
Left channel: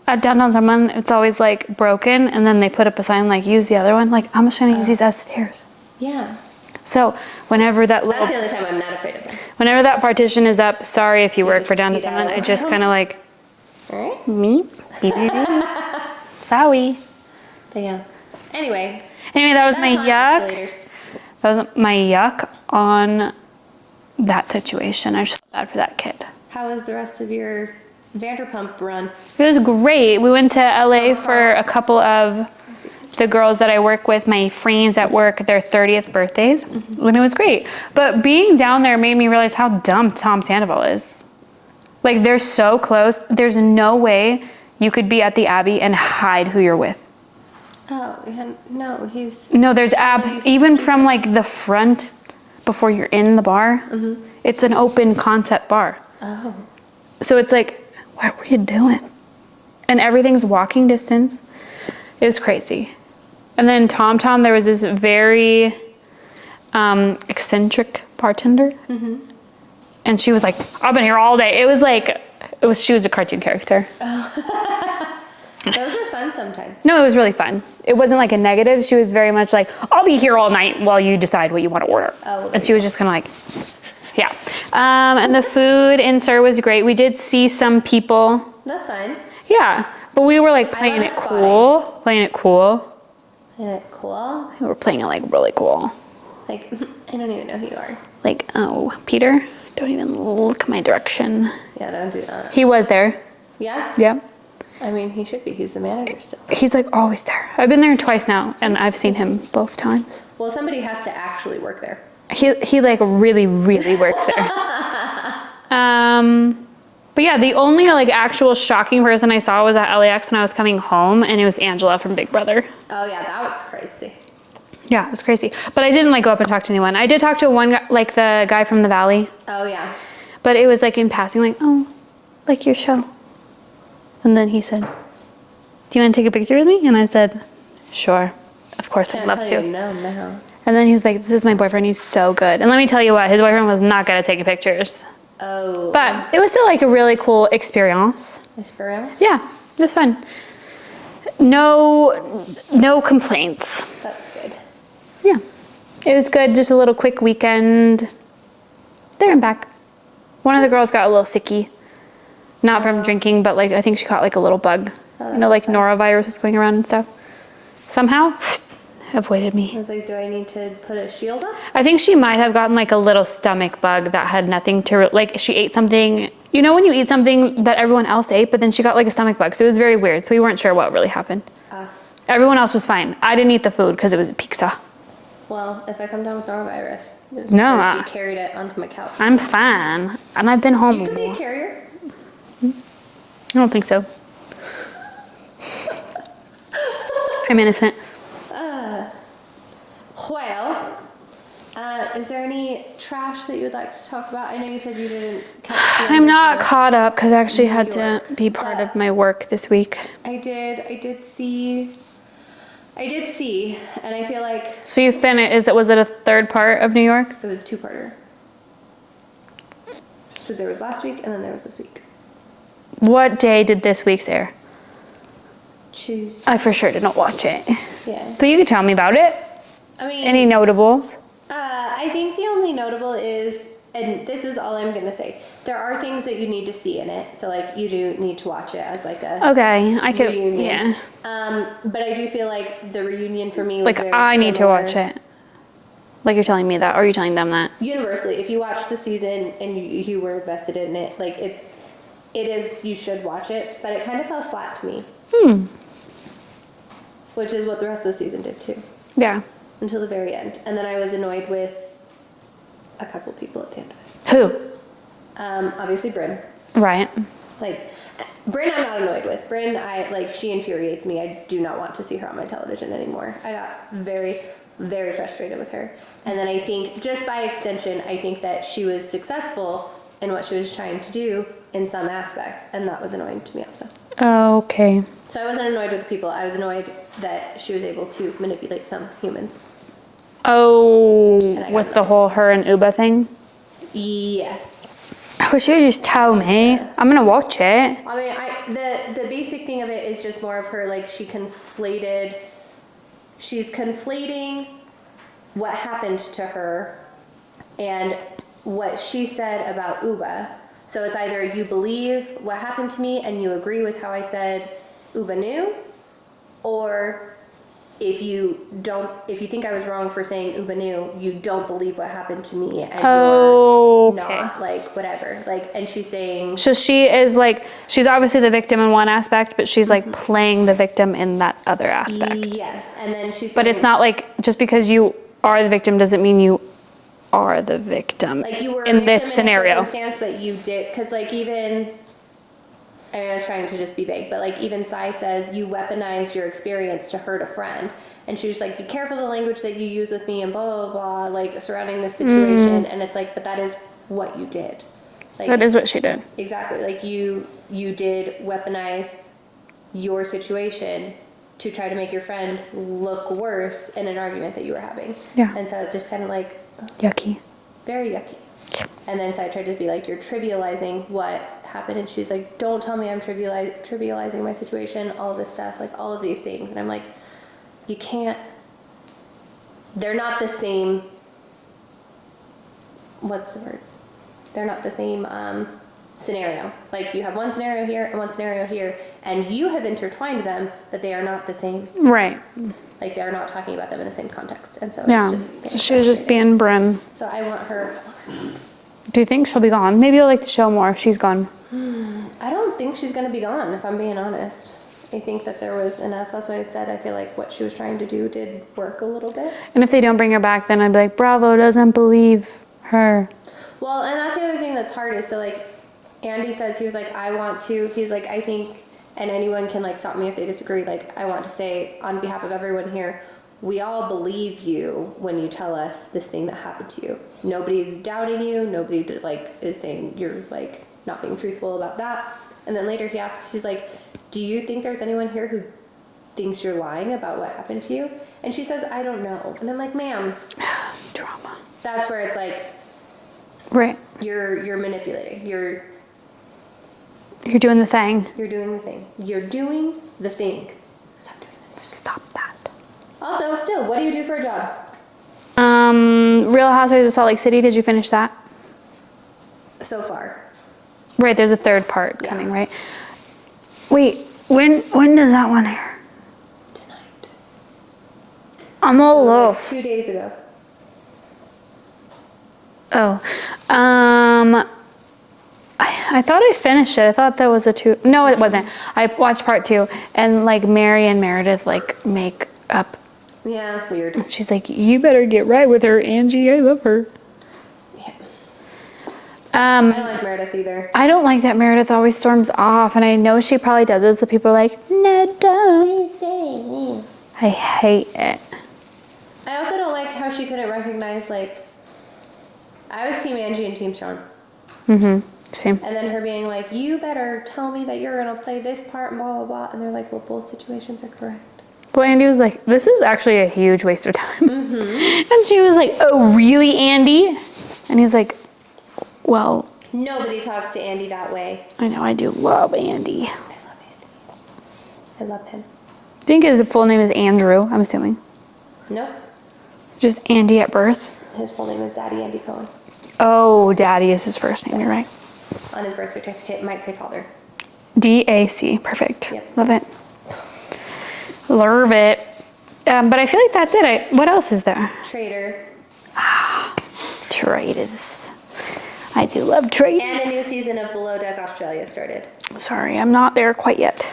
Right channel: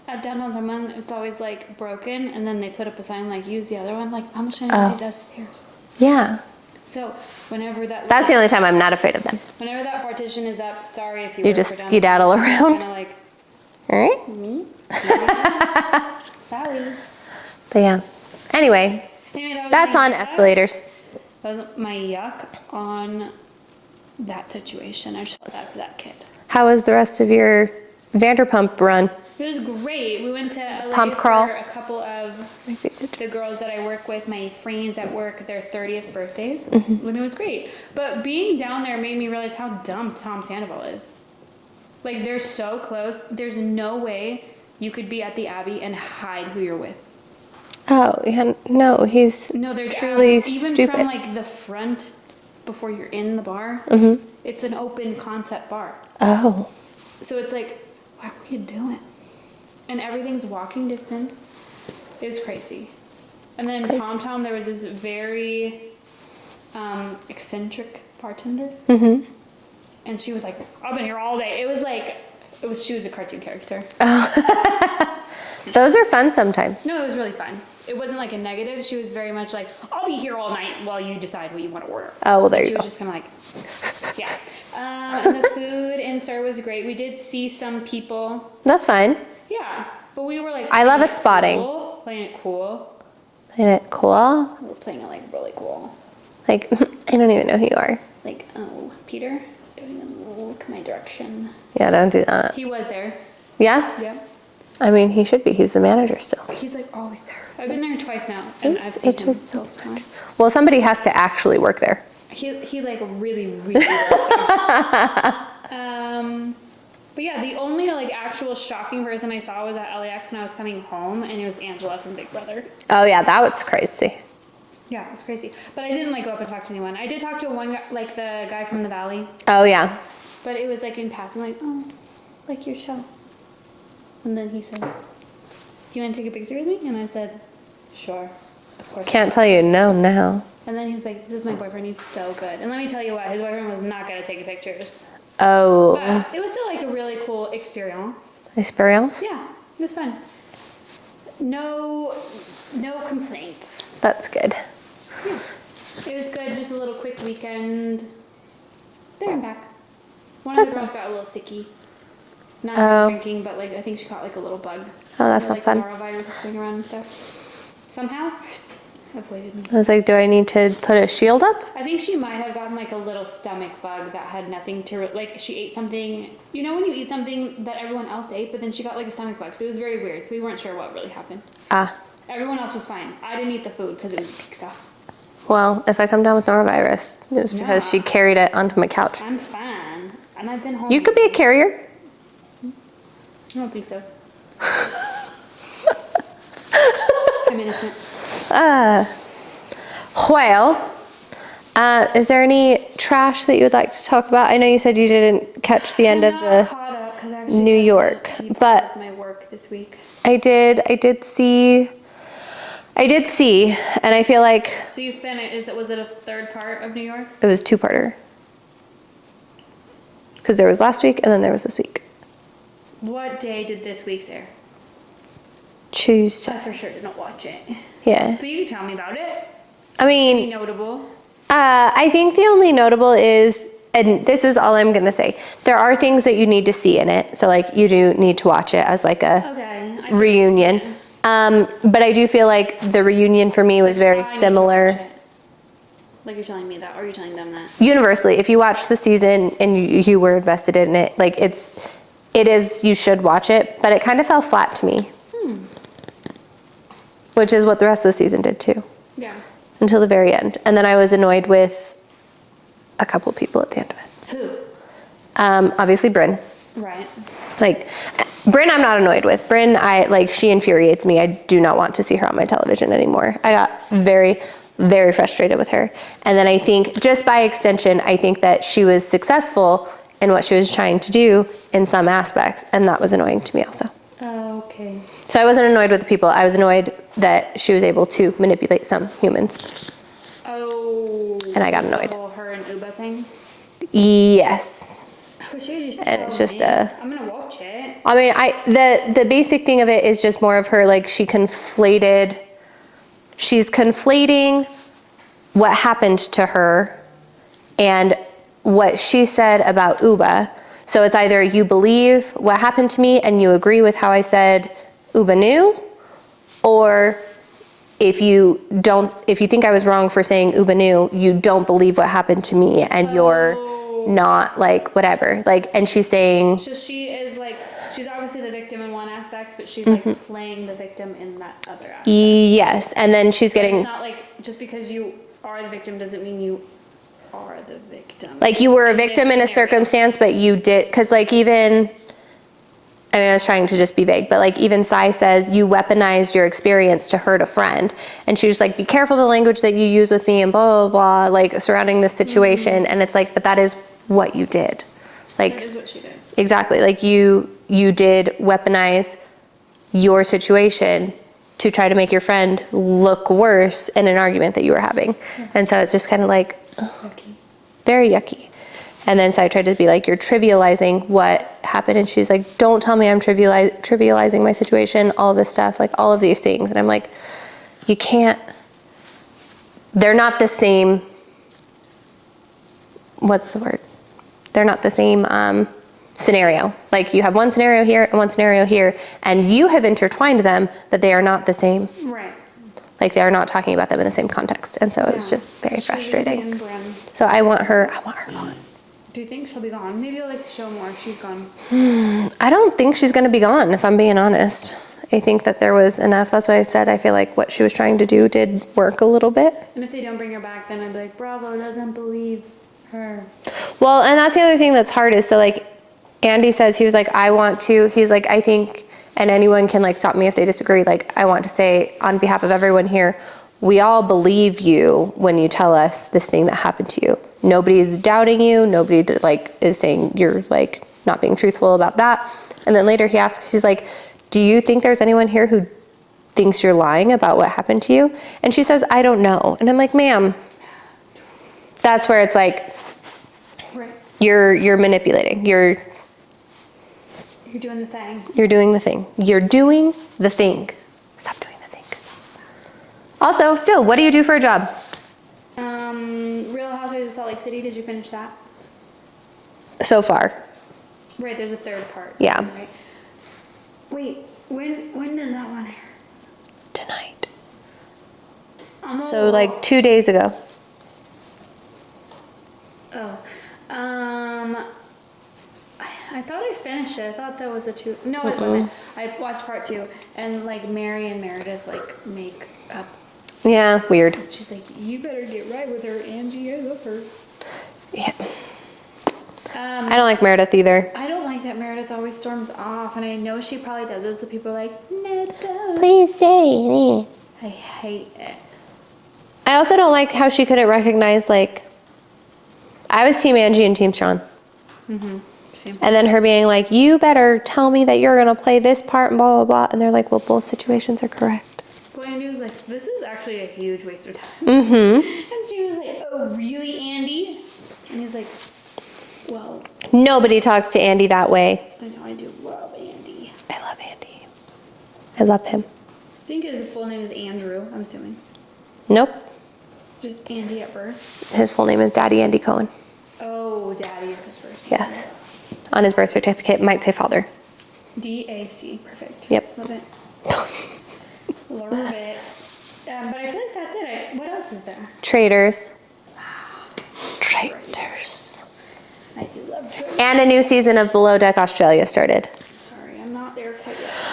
at downtown someone, it's always like broken, and then they put up a sign like, use the other one. Like, I'm just trying to use these as stairs. Yeah. So whenever that's the only time I'm not afraid of them. Whenever that partition is up, sorry if you work for downtown someone, I just kind of like, all right, me? Sorry. But yeah. Anyway, that was that's my on yuck. Escalators. That was my yuck on that situation. I just felt bad for that kid. How was the rest of your Vanderpump run? It was great. We went to LA Pump for crawl. a couple of the girls that I work with, my friends at work, their 30th birthdays, and it was great. But being down there made me realize how dumb Tom Sandoval is. Like, they're so close. There's no way you could be at the Abbey and hide who you're with. Oh, yeah, no, he's No, there's truly abs, even from stupid. like the front before you're in the bar. It's an open concept bar. Oh. So it's like, what were you doing? And everything's walking distance. It was crazy. And then Tom, there was this very eccentric bartender. And she was like, I've been here all day. She was a cartoon character. Those are fun sometimes. No, it was really fun. It wasn't like a negative. She was very much like, I'll be here all night while you decide what you want to order. Oh, well, there and she you was go. just kind of like, yeah. And the food in Sur was great. We did see some people. That's fine. Yeah. But we were like I playing love it spotting. cool. Playing it cool. Isn't it cool? We were playing it like really cool. Like, I don't even know who you are. Like, oh, Peter, don't even look my direction. Yeah, don't do that. He was there. Yeah? Yeah. I mean, he should be. He's the manager still. He's like always there. I've been there twice now, and I've seen him both times. Well, somebody has to actually work there. He like really, really works there. But yeah, the only like actual shocking person I saw was at LAX when I was coming home, and it was Angela from Big Brother. Oh, yeah, that was crazy. Yeah, it was crazy. But I didn't like go up and talk to anyone. I did talk to one guy, like the guy from the Valley, Oh, yeah. but it was like in passing, like, oh, like your show. And then he said, do you want to take a picture with me? And I said, sure, of course. Can't I'd love tell to. you no now. And then he was like, this is my boyfriend, he's so good. And let me tell you what, his boyfriend was not good at taking pictures. Oh. But it was still like a really cool experience. Experience? Yeah, it was fun. No complaints. That's good. Yeah, it was good, just a little quick weekend. There and back. One of the girls got a little sicky. Not from drinking, but like I think she caught like a little bug. Oh, that's you know, not like fun. norovirus is going around and stuff. Somehow, avoided me. I was like, do I need to put a shield up? I think she might have gotten like a little stomach bug that had nothing to, like she ate something, you know when you eat something that everyone else ate, but then she got like a stomach bug. So it was very weird. So we weren't sure what really happened. Ah. Everyone else was fine. I didn't eat the food because it was pizza. Well, if I come down with norovirus, it's No. because she carried it onto my couch. I'm fine. And I've been home. You could be a carrier. I don't think so. I'm innocent. Well, is there any trash that you would like to talk about? I know you said you didn't catch the end I'm of not the caught up because I actually New had York, to be part but- of my work this week. I did see, and I feel like So you finished, was it a third part of New York? it was two-parter. Because there was last week and then there was this week. What day did this week's air? Tuesday. I for sure didn't watch it. Yeah. But you can tell me about it. I mean, Any notables? I think the only notable is, and this is all I'm gonna say, there are things that you need to see in it. So like you do need to watch it as like a Okay, I could, reunion. yeah. But I do feel like the reunion for me was Like very I similar. need to watch it. Like you're telling me that, or are you telling them that? Universally, if you watch the season and you were invested in it, like it is, you should watch it, but it kind of fell flat to me. Which is what the rest of the season did too, Yeah. until the very end. And then I was annoyed with a couple people at the end of it. Who? Obviously Bryn. Right. Like, Bryn I'm not annoyed with. Bryn, she infuriates me. I do not want to see her on my television anymore. I got very, very frustrated with her. And then I think, just by extension, I think that she was successful in what she was trying to do in some aspects, and that was annoying to me also. Okay. So I wasn't annoyed with the people. I was annoyed that she was able to manipulate some humans. Oh, And I got with the annoyed. whole her and Uba thing? Yes. I wish you would just tell it's just me. a- I'm gonna watch it. I mean, the basic thing of it is just more of her, like, she's conflating what happened to her and what she said about Uba. So it's either you believe what happened to me and you agree with how I said Uba knew, or if you think I was wrong for saying ubanu, you don't believe what happened to me, and you're not like whatever. Like, and she's saying. So she is like, she's obviously the victim in one aspect, but she's like playing the victim in that other aspect. Yes, and then she's getting. But it's not like just because you are the victim doesn't mean you are the victim. Like you were a victim in a circumstance, but you did, because like even. I mean, I was trying to just be vague, but like even Sai says you weaponized your experience to hurt a friend. And she was like, be careful the language that you use with me and blah, blah, blah, like surrounding this situation. And it's like, but that is what you did. Like that is what she did. Exactly. Like you did weaponize your situation to try to make your friend look worse in an argument that you were having. Yeah. And so it's just kind of like. Yucky. Very yucky. And then so I tried to be like, you're trivializing what happened. And she's like, don't tell me I'm trivializing my situation, all this stuff, like all of these things. And I'm like, you can't, they're not the same, what's the word? They're not the same scenario. Like you have one scenario here and one scenario here, and you have intertwined them, but they are not the same. Right. Like they're not talking about them in the same context. And so it was just very frustrating. She was just being Brim. So I want her gone. Do you think she'll be gone? Maybe you'll like the show more if she's gone. I don't think she's going to be gone, if I'm being honest. I think that there was enough. That's why I said I feel like what she was trying to do did work a little bit. And if they don't bring her back, then I'd be like, Bravo doesn't believe her. Well, and that's the other thing that's hard is, so like Andy says, he was like, he's like, I think, and anyone can like stop me if they disagree. Like, I want to say on behalf of everyone here, we all believe you when you tell us this thing that happened to you. Nobody's doubting you. Nobody like is saying you're like not being truthful about that. And then later he asks, he's like, do you think there's anyone here who thinks you're lying about what happened to you? And she says, I don't know. And I'm like, ma'am, Drama. That's where it's like, right. You're manipulating. You're doing the thing. You're doing the thing. You're doing the thing. Stop doing the thing. Stop that. Also, still, what do you do for a job? Real Housewives of Salt Lake City. Did you finish that? So far. Right. There's a third part. Yeah. Coming, right. Wait. When does that one air? Tonight. I'm so like 2 days ago. Oh. I thought I finished it. I thought that was a 2. No, it wasn't. I watched part 2, and like Mary and Meredith like make up. Yeah, weird. She's like, you better get right with her, Angie. I love her. Yeah. I don't like Meredith either. I don't like that Meredith always storms off, and I know she probably does it, so people are like, no, don't. Please say me. I hate it. I also don't like how she couldn't recognize, like, I was Team Angie and Team Sean. Same. And then her being like, you better tell me that you're going to play this part and blah, blah, blah. And they're like, well, both situations are correct. Well, Andy was like, this is actually a huge waste of time. And she was like, oh, really, Andy? And he's like, well. Nobody talks to Andy that way. I know, I do love Andy. I love Andy. I love him. I think his full name is Andrew, I'm assuming. Nope. Just Andy at birth? His full name is Daddy Andy Cohen. Oh, Daddy is his first name, right? On his birth certificate, it might say father. D-A-C, perfect. Yep. Love it. Love it. But I feel like that's it. What else is there? Traitors. Traitors. I do love traitors. And a new season of Below Deck Australia started. Sorry, I'm not there quite yet.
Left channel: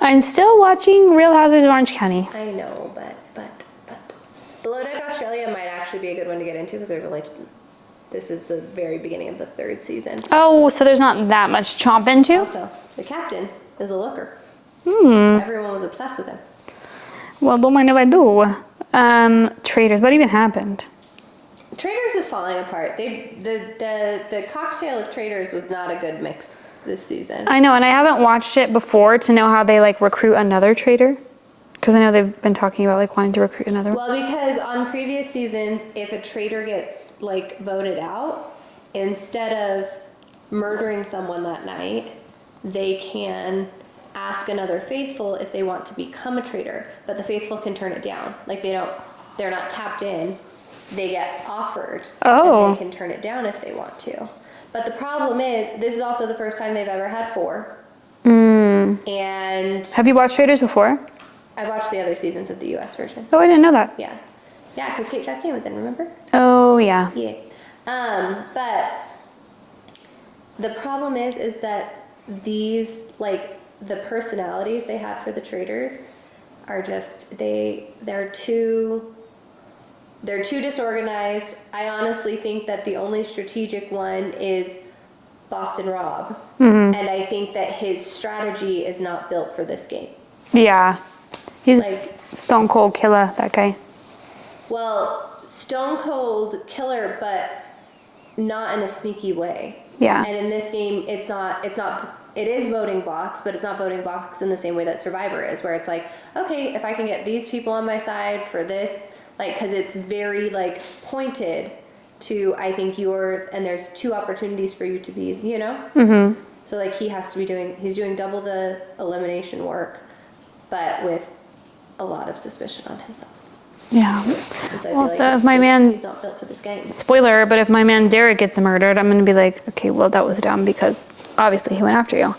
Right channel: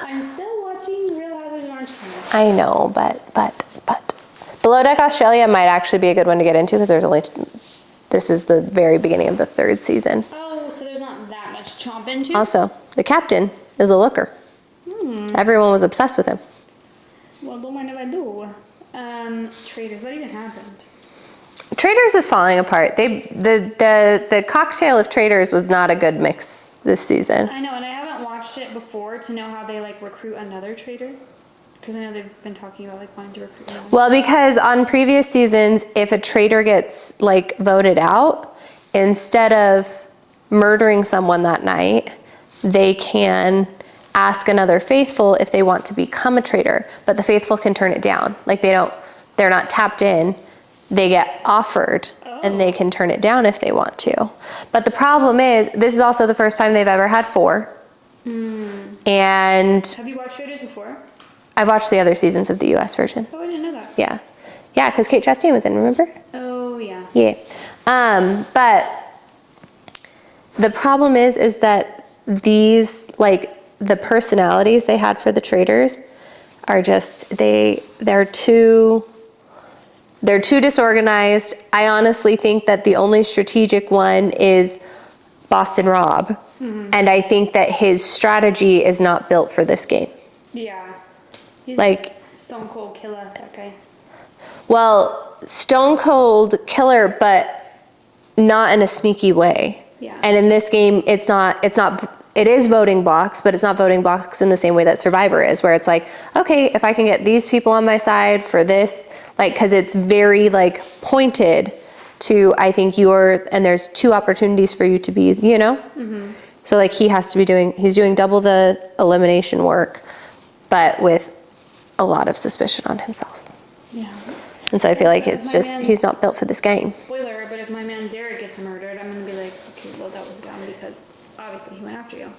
I'm still watching Real Housewives of Orange County. I know, but Below Deck Australia might actually be a good one to get into because this is the very beginning of the 3rd season. Oh, so there's not that much chomp into? Also, the captain is a looker. Everyone was obsessed with him. Well, don't mind if I do. Traitors, what even happened? Traitors is falling apart. The cocktail of traitors was not a good mix this season. I know, and I haven't watched it before to know how they like recruit another traitor. Because I know they've been talking about like wanting to recruit another one. Well, because on previous seasons, if a traitor gets like voted out, instead of murdering someone that night, they can ask another faithful if they want to become a traitor, but the faithful can turn it down. Like they're not tapped in. They get offered and they can turn it down if they want to. But the problem is, this is also the first time they've ever had 4. And have you watched Traitors before? I've watched the other seasons of the US version. Oh, I didn't know that. Yeah. Yeah, because Kate Chastain was in, remember? Oh, yeah. Yeah. But the problem is that these, like, the personalities they had for the traitors are just, they're too disorganized. I honestly think that the only strategic one is Boston Rob. And I think that his strategy is not built for this game. Yeah. He's Like, stone cold killer, that guy. well, stone cold killer, but not in a sneaky way. Yeah. And in this game, it is voting blocks, but it's not voting blocks in the same way that Survivor is, where it's like, okay, if I can get these people on my side for this, like, because it's very, like, pointed to, I think and there's 2 opportunities for you to be, you know? Mm-hmm. So, like, he's doing double the elimination work, but with a lot of suspicion on himself. Yeah. And so I feel like so it's he's not built for this game. Spoiler, but if my man Derek gets murdered, I'm going to be like, okay, well, that was dumb because obviously he went after you.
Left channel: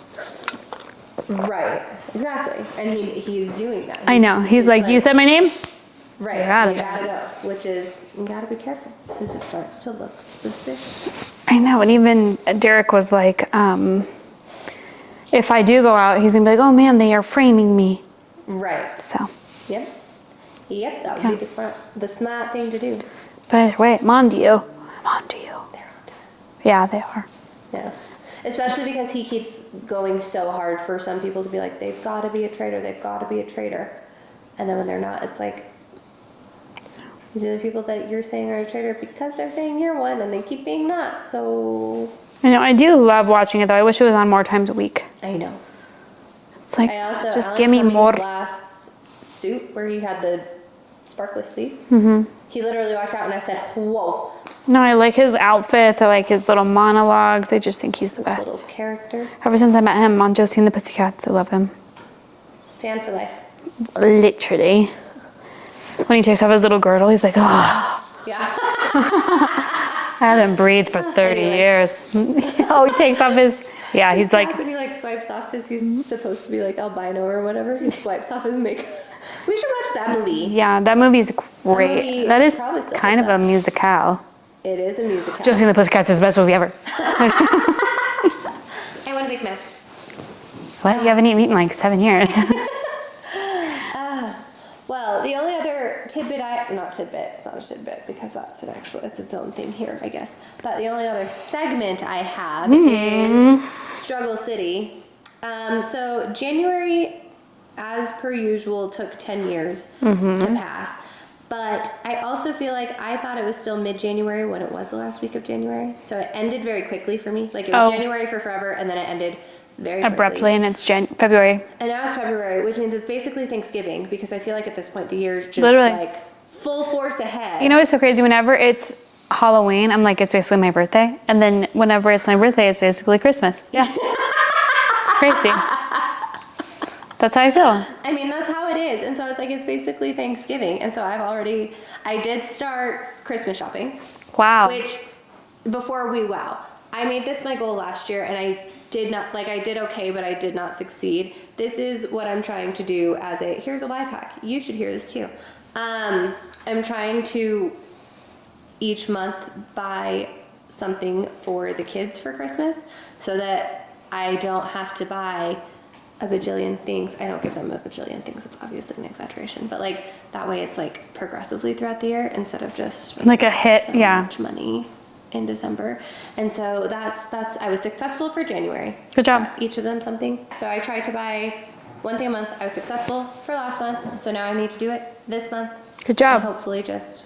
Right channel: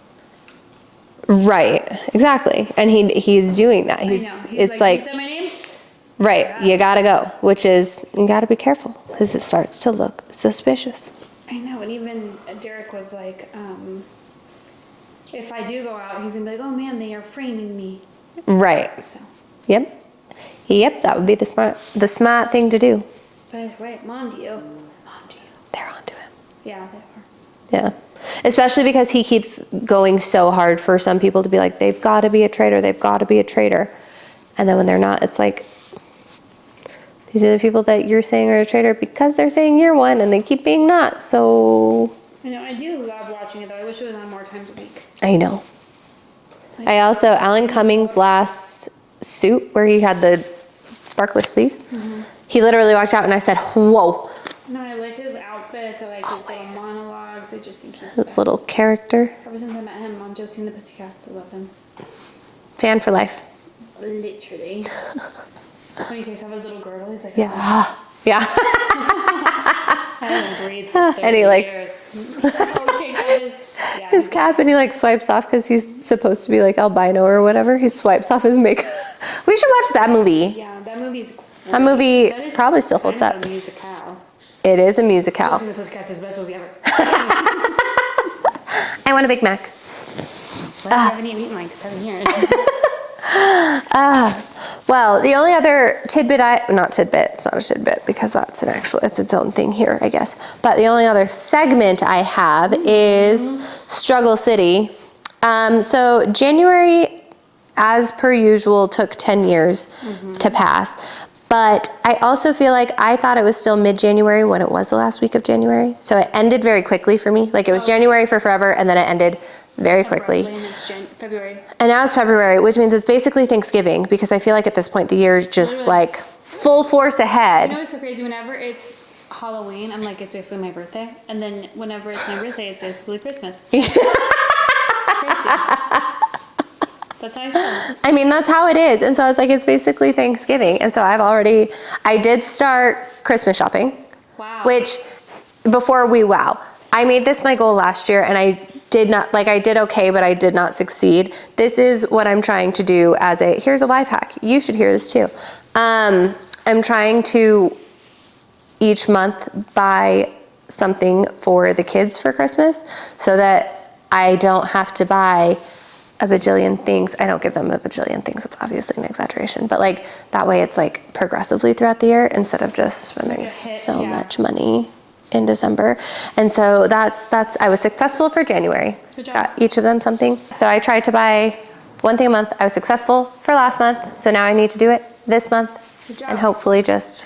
Right, exactly. And he's doing that. I know. He's like, you said my name? Right, you gotta go, which is, you gotta be careful because it starts to look suspicious. I know. And even Derek was like, if I do go out, he's going to be like, oh man, they are framing me. Right. So. Yep, that would be the smart thing to do. But wait, Mondio. They're onto him. Yeah, they are. Yeah. Especially because he keeps going so hard for some people to be like, they've got to be a traitor, they've got to be a traitor. And then when they're not, it's like, these are the people that you're saying are a traitor because they're saying you're one and they keep being not, so. I know, I do love watching it though. I wish it was on more times a week. I know. It's like, I also, just Alan give me Cummings' more. last suit where he had the sparkler sleeves, he literally walked out and I said, whoa. No, I like his outfits. I like his little monologues. I just think he's the This best. little character. Ever since I met him on Josie and the Pussycats, I love him. Fan for life. Literally. When he takes off his little girdle, he's like, oh. Yeah. I haven't breathed for 30 years. Oh, he takes off his, yeah, His he's cap like, and he like swipes off because he's supposed to be like albino or whatever. He swipes off his makeup. We should watch that movie. yeah, that movie's great. That movie that is probably still kind holds of up. a musicale. It is a musical. Josie and the Pussycats is the best movie ever. I want a Big Mac. What? You haven't eaten in like 7 years. Well, the only other tidbit not tidbit, it's not a tidbit because that's it's its own thing here, I guess. But the only other segment I have is Struggle City. So January, as per usual, took 10 years to pass. But I also feel like I thought it was still mid-January when it was the last week of January. So it ended very quickly for me. Like it was January for forever and then it ended very quickly. Abruptly, and it's February. And now it's February, which means it's basically Thanksgiving because I feel like at this point the year's just Literally. Like full force ahead. You know what's so crazy? Whenever it's Halloween, I'm like, it's basically my birthday. And then whenever it's my birthday, it's basically Christmas. Yeah. It's crazy. That's how I feel. I mean, that's how it is. And so I was like, it's basically Thanksgiving. And so I did start Christmas shopping. Wow. Which, I made this my goal last year and I did okay, but I did not succeed. This is what I'm trying to do here's a life hack. You should hear this too. I'm trying to each month buy something for the kids for Christmas so that I don't have to buy a bajillion things. I don't give them a bajillion things. It's obviously an exaggeration, but like that way it's like progressively throughout the year instead of just spending like a hit, so much money in December. And so I was successful for January. Good job. Got each of them something. So I tried to buy one thing a month. I was successful for last month. So now I need to do it this month. Good job. And hopefully but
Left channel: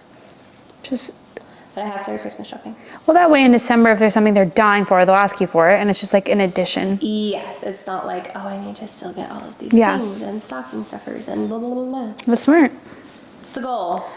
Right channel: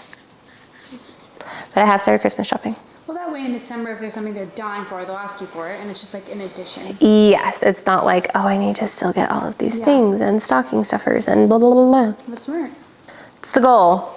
I have started Christmas shopping. Well, that way in December, if there's something they're dying for, they'll ask you for it, and it's just like an addition. Yes, it's not like, oh, I need to still get all of these things and stocking stuffers and blah, blah, blah, blah. That's smart. It's the goal.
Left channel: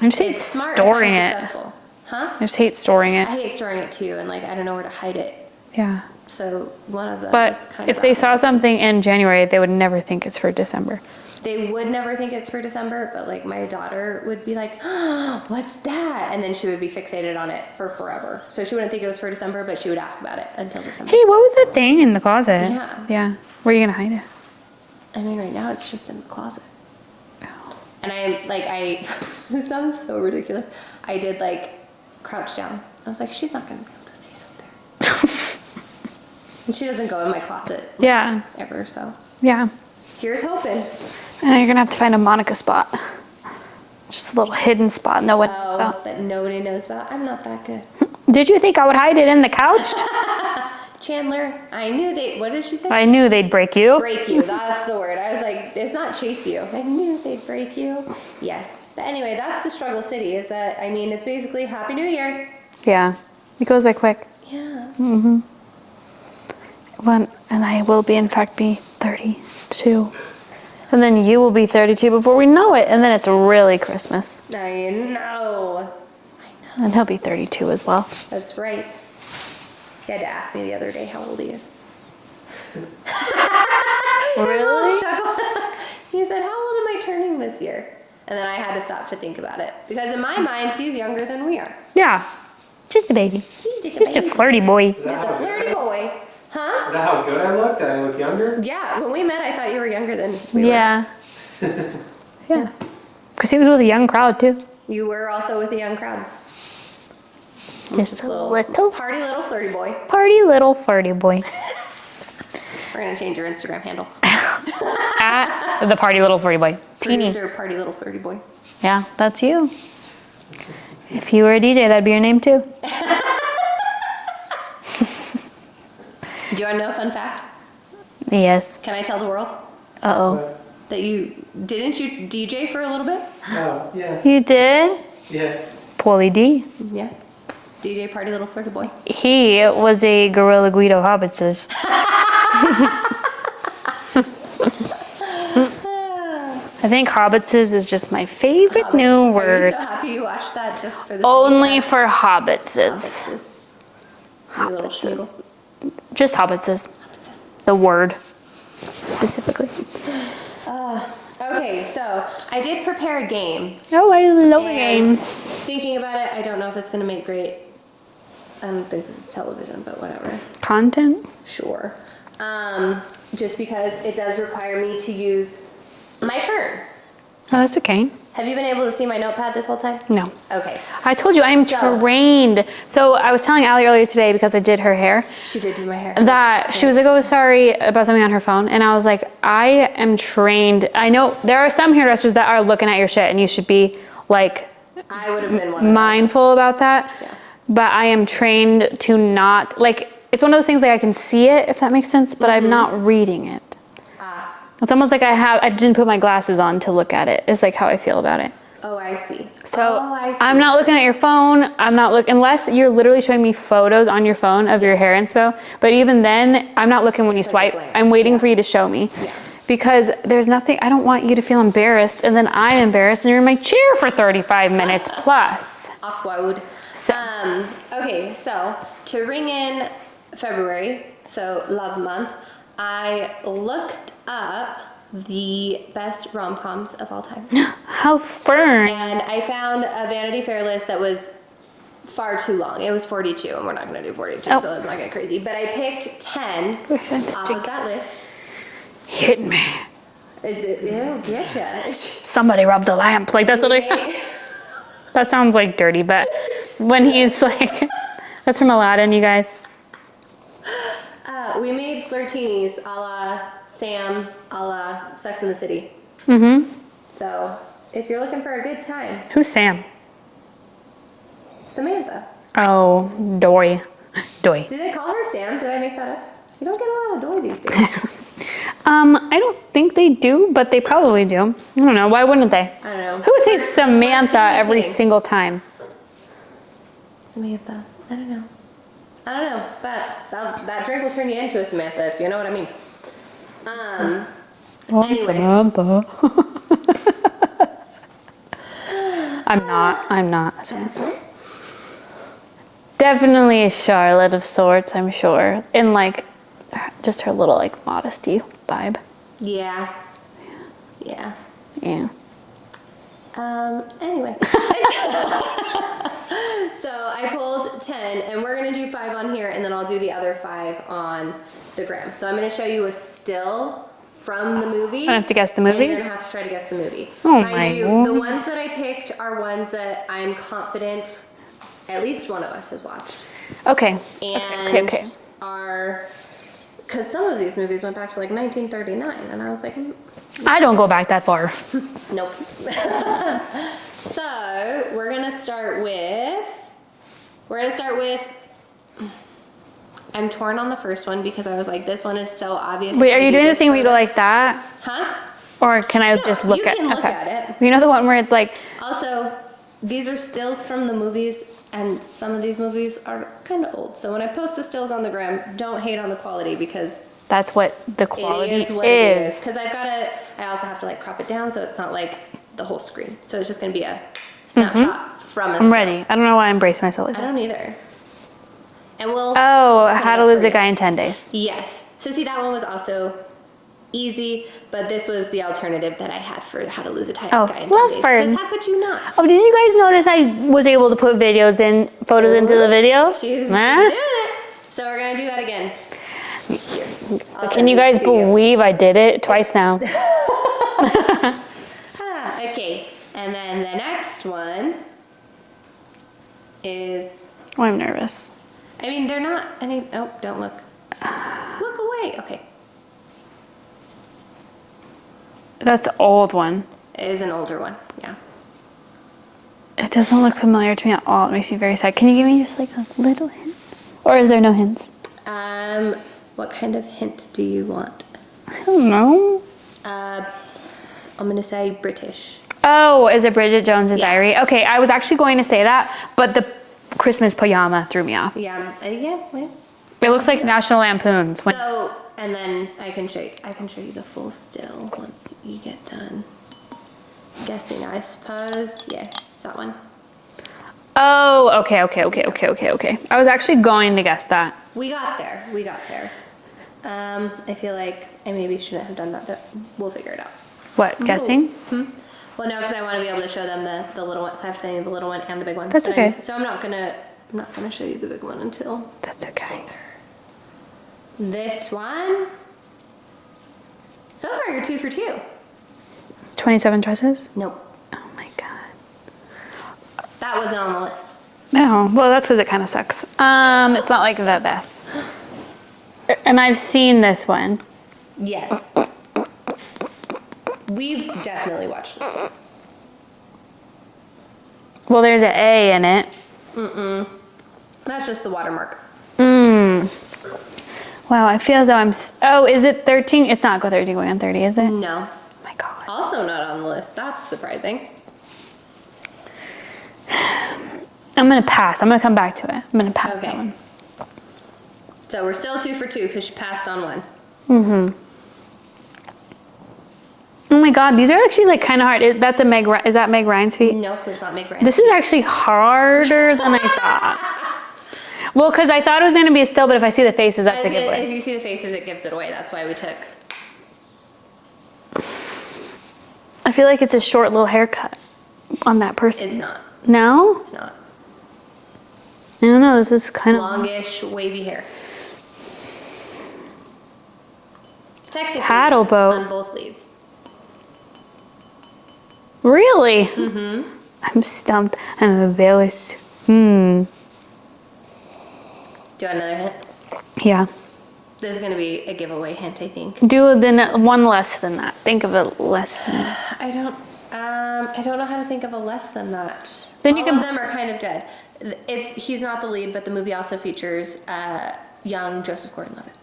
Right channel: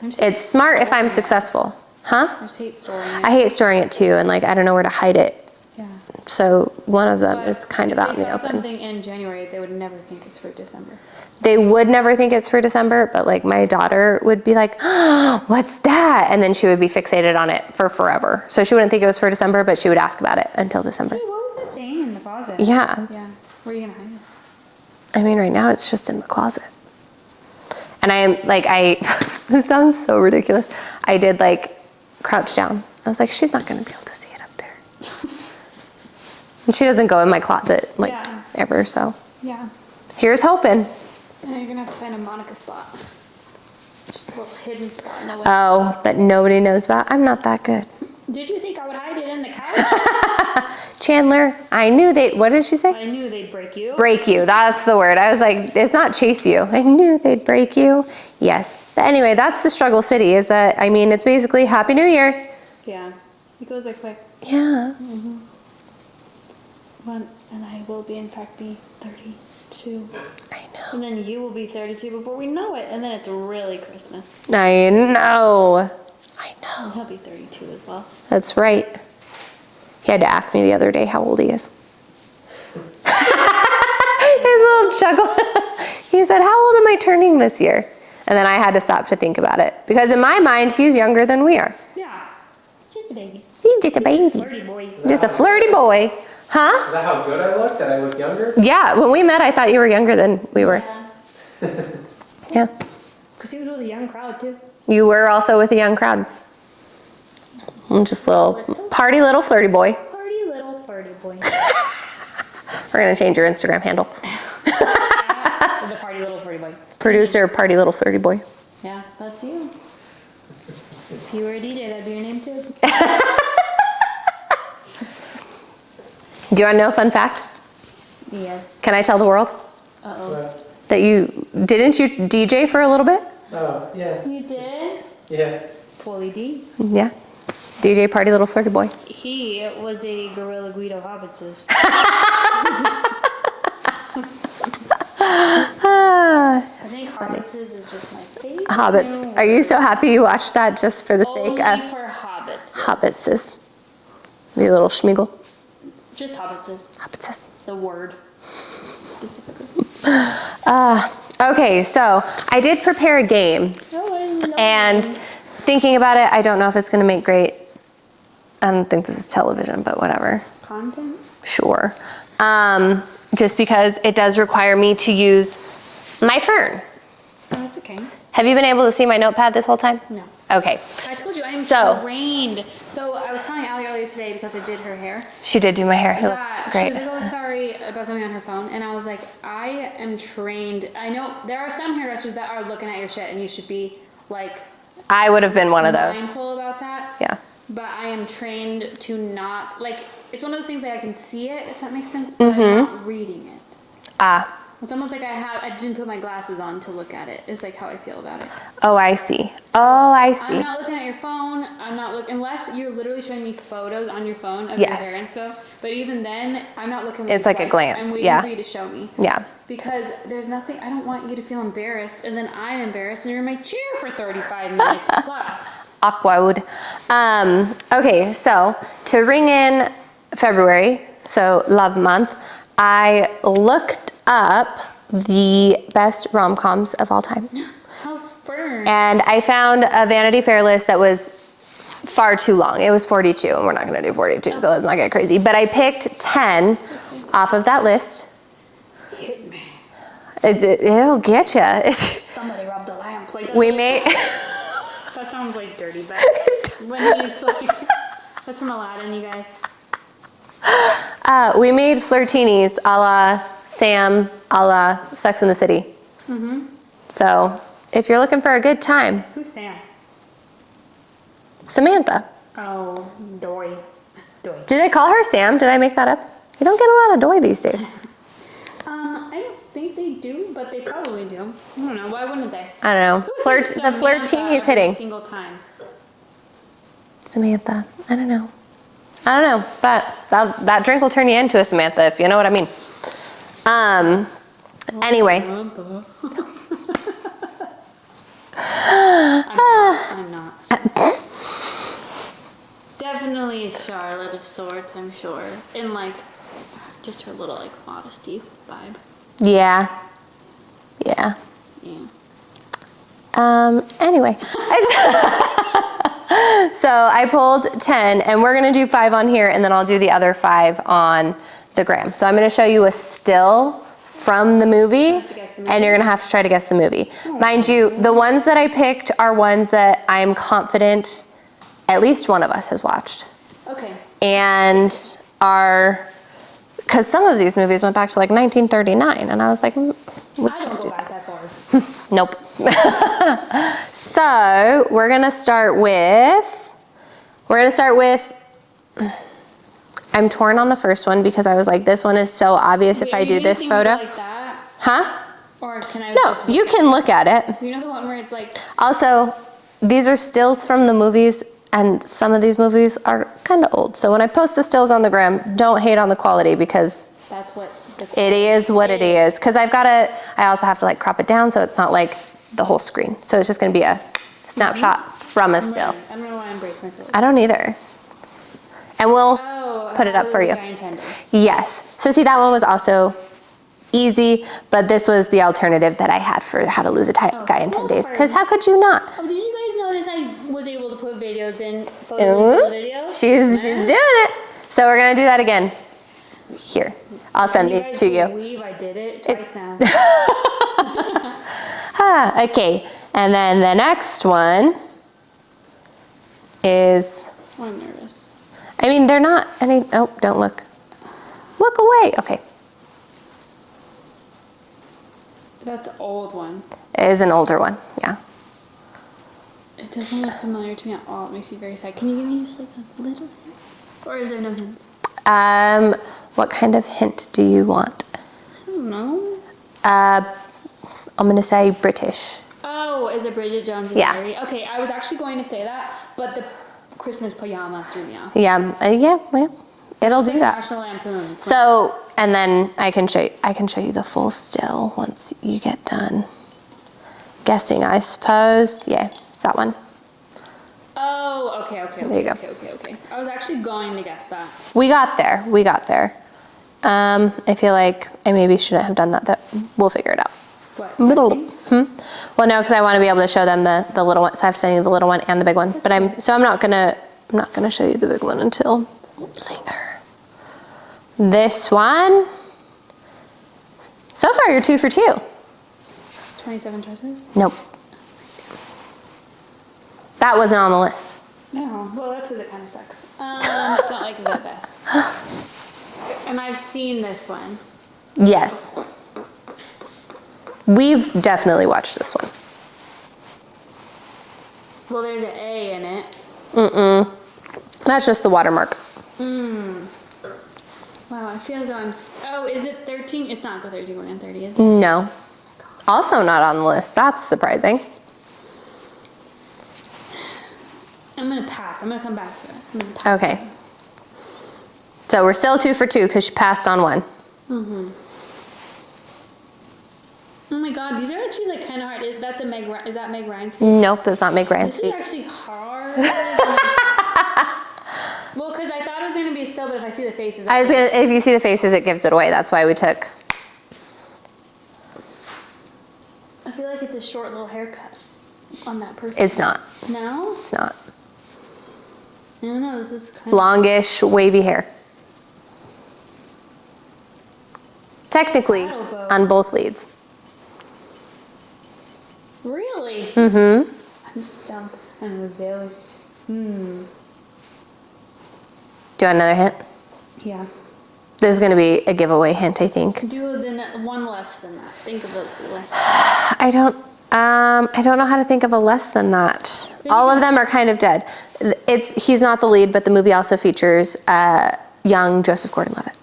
It's smart if I'm successful. Huh? I just hate storing it. I hate storing it too, and like I don't know where to hide it. Yeah. So one of them is kind of out in the open. If they saw something in January, they would never think it's for December. They would never think it's for December, but like my daughter would be like, oh, what's that? And then she would be fixated on it for forever. So she wouldn't think it was for December, but she would ask about it until December. Hey, what was that thing in the closet? Yeah. Yeah. Where are you going to hide it? I mean, right now it's just in the closet. And I am like, this sounds so ridiculous. I did like crouch down. I was like, she's not gonna be able to see it up there. And she doesn't go in my closet like ever, so. Yeah. Here's hoping. And you're gonna have to find a Monica spot. Just a little hidden spot no one knows about. That nobody knows about. I'm not that good. Did you think I would hide it in the couch? Chandler, I knew what did she say? I knew they'd break you. Break you, that's the word. I was like, it's not chase you. I knew they'd break you. Yes. But anyway, that's the struggle city, is that, I mean, it's basically Happy New Year. Yeah, it goes by quick. Yeah. Mm-hmm. And I will be, in fact, be 32. I know. And then you will be 32 before we know it. And then it's really Christmas. I know. And he'll be 32 as well. That's right. He had to ask me the other day how old he is. His little chuckle. He said, how old am I turning this year? And then I had to stop to think about it. Because in my mind, he's younger than we are. Yeah. Just a baby. He's just a baby. Just a flirty boy. Just a flirty boy. Huh? Is that how good I looked? Did I look younger? Yeah, when we met, I thought you were younger than we were. Yeah. Yeah. Because he was with a young crowd, too. You were also with a young crowd. Just a little party little flirty boy. Party little flirty boy. We're going to change your Instagram handle. At the party little flirty boy. Producer party little flirty boy. Yeah, that's you. If you were a DJ, that'd be your name, too. Do you want to know a fun fact? Yes. Can I tell the world? Uh-oh. That didn't you DJ for a little bit? Oh, yeah. You did? Yeah. Paulie D. Yeah. DJ party little flirty boy. He was a Gorilla Guido Hobbitses. I think Hobbitses is just my favorite new word. Are you so happy you watched that just for the Only sake of for Hobbitses. Hobbitses? You little schmeagle. Just Hobbitses. Hobbitses. The word. Specifically. Okay, so I did prepare a game. Oh, I love And game. thinking about it, I don't know if it's going to make great. I don't think this is television, but whatever. Content? Sure. Just because it does require me to use my phone. Oh, that's okay. Have you been able to see my notepad this whole time? No. Okay. I told you I'm trained. So I was telling Allie earlier today, because I did her hair, She did do my hair. that she was like, oh, sorry about something on her phone. And I was like, I am trained. I know there are some hairdressers that are looking at your shit and you should be like I would have been one of those. mindful about that. Yeah. But I am trained to not, like, it's one of those things like I can see it, if that makes sense, but I'm not reading it. Ah. It's almost like I didn't put my glasses on to look at it. It's like how I feel about it. Oh, I see. So I see. I'm not looking at your phone. I'm not looking, unless you're literally showing me photos on your phone of your hair inspo. But even then, I'm not looking when It's you like a swipe. glance, I'm waiting yeah. for you to show me. Yeah. Because there's nothing, I don't want you to feel embarrassed and then I'm embarrassed and you're in my chair for 35 minutes plus. Awkward. Okay, so to ring in February, so love month, I looked up the best rom-coms of all time. How fun. And I found a Vanity Fair list that was far too long. It was 42, and we're not gonna do 42, so let's not get crazy. But I picked 10 off of that list. Hit me. It'll get you. Somebody rubbed the lamp. Like that's We what made, that sounds like dirty, but when he's like, that's from Aladdin, you guys. we made flirt-tinis a la Sam, a la Sex and the City. Mm-hmm. So if you're looking for a good time, Who's Sam? Samantha. Oh, Doy. Did I call her Sam? Did I make that up? You don't get a lot of Doy these days. I don't think they do, but they probably do. I don't know. Why wouldn't they? I don't know. Who would say The Samantha flirt-tini is every hitting. single time? Samantha. I don't know. But that drink will turn you into a Samantha, if you know what I mean. Anyway. Samantha. I'm not. Definitely a Charlotte of sorts, I'm sure. In like, just her little like modesty vibe. Yeah. Yeah. Yeah. Anyway. So I pulled 10, and we're gonna do 5 on here, and then I'll do the other 5 on the gram. So I'm gonna show you a still from the movie. I have to guess the movie? And you're gonna have to try to guess the movie. Oh Mind my you, Lord. the ones that I picked are ones that I am confident at least one of us has watched. Okay. And Okay. are, because some of these movies went back to like 1939, and I was like, I don't go back that far. nope. So we're gonna start with, I'm torn on the first one because I was like, this one is so obvious Wait, if are I you do doing the this thing where you photo. go like that? Huh? Or can I No, just look you at can look okay. at it. You know the one where it's like, Also, these are stills from the movies, and some of these movies are kind of old. So when I post the stills on the gram, don't hate on the quality because that's what the it quality is what it is. Because I also have to like crop it down so it's not like the whole screen. So it's just gonna be a snapshot from a I'm still. ready. I don't know why I embrace myself like I don't either. And we'll Oh, put it How up to Lose for a you. Guy in 10 Days. Yes. So see, that one was also easy, but this was the alternative that I had for How to Lose a Guy in 10 days. Fern. Because how could you not? Oh, did you guys notice I was able to put photos into the video? She's doing it. So we're gonna do that again. Here, I'll Can send you these guys to you. believe I did it twice now? Okay, and then the next one is, Oh, I'm nervous. I mean, they're not any, oh, don't look. Look away, okay. That's the old one. It is an older one, yeah. It doesn't look familiar to me at all. It makes me very sad. Can you give me just like a little hint? Or is there no hints? What kind of hint do you want? I don't know. I'm gonna say British. Oh, is it Bridget Jones's Yeah. Diary? Okay, I was actually going to say that, but the Christmas pajama threw me off. Yeah, yeah. It looks do like that. National Lampoon's. So, and then I can show you the full still once you get done guessing, I suppose. Yeah, it's that one. Oh, okay. you go. I was actually going to guess that. We got there. I feel like I maybe shouldn't have done that. We'll figure it out. What, guessing? Well, no, because I want to be able to show them the little one. So I've sent you the little one and the big one. That's but okay. I'm not gonna show you the big one until That's okay. this one. So far, you're 2 for 2. 27 dresses? Nope, Oh my God. that wasn't on the list. No, well, that's because it kind of sucks. It's not like the best. And I've seen this one. Yes. We've definitely watched this one. Well, there's an A in it. That's just the watermark. Wow, I feel as though oh, is it 13? It's not Go 13 going on 30, is it? No. Oh my God. Also not on the list. That's surprising. I'm gonna pass. I'm gonna come back to it. I'm gonna pass Okay. that one. So we're still 2 for 2 because she passed on one. Oh my God, these are actually like kind of hard. Is that Meg Ryan's feet? Nope, that's not Meg Ryan. This is actually harder than I thought. Well, because I thought it was gonna be a still, but if I see the faces, if you see the faces, it gives it away. That's why we took. I feel like it's a short little haircut on that person. It's not. No? It's not. I don't know, this is kind of... Longish, wavy hair. Technically, Paddle boat. on both leads. Really? I'm stumped. I'm embarrassed. Do you want another hint? Yeah. This is going to be a giveaway hint, I think. Do then one less than that. Think of it less than that. I don't know how to think of a less than that. Then you All can- of them are kind of dead. He's not the lead, but the movie also features young Joseph Gordon-Levitt.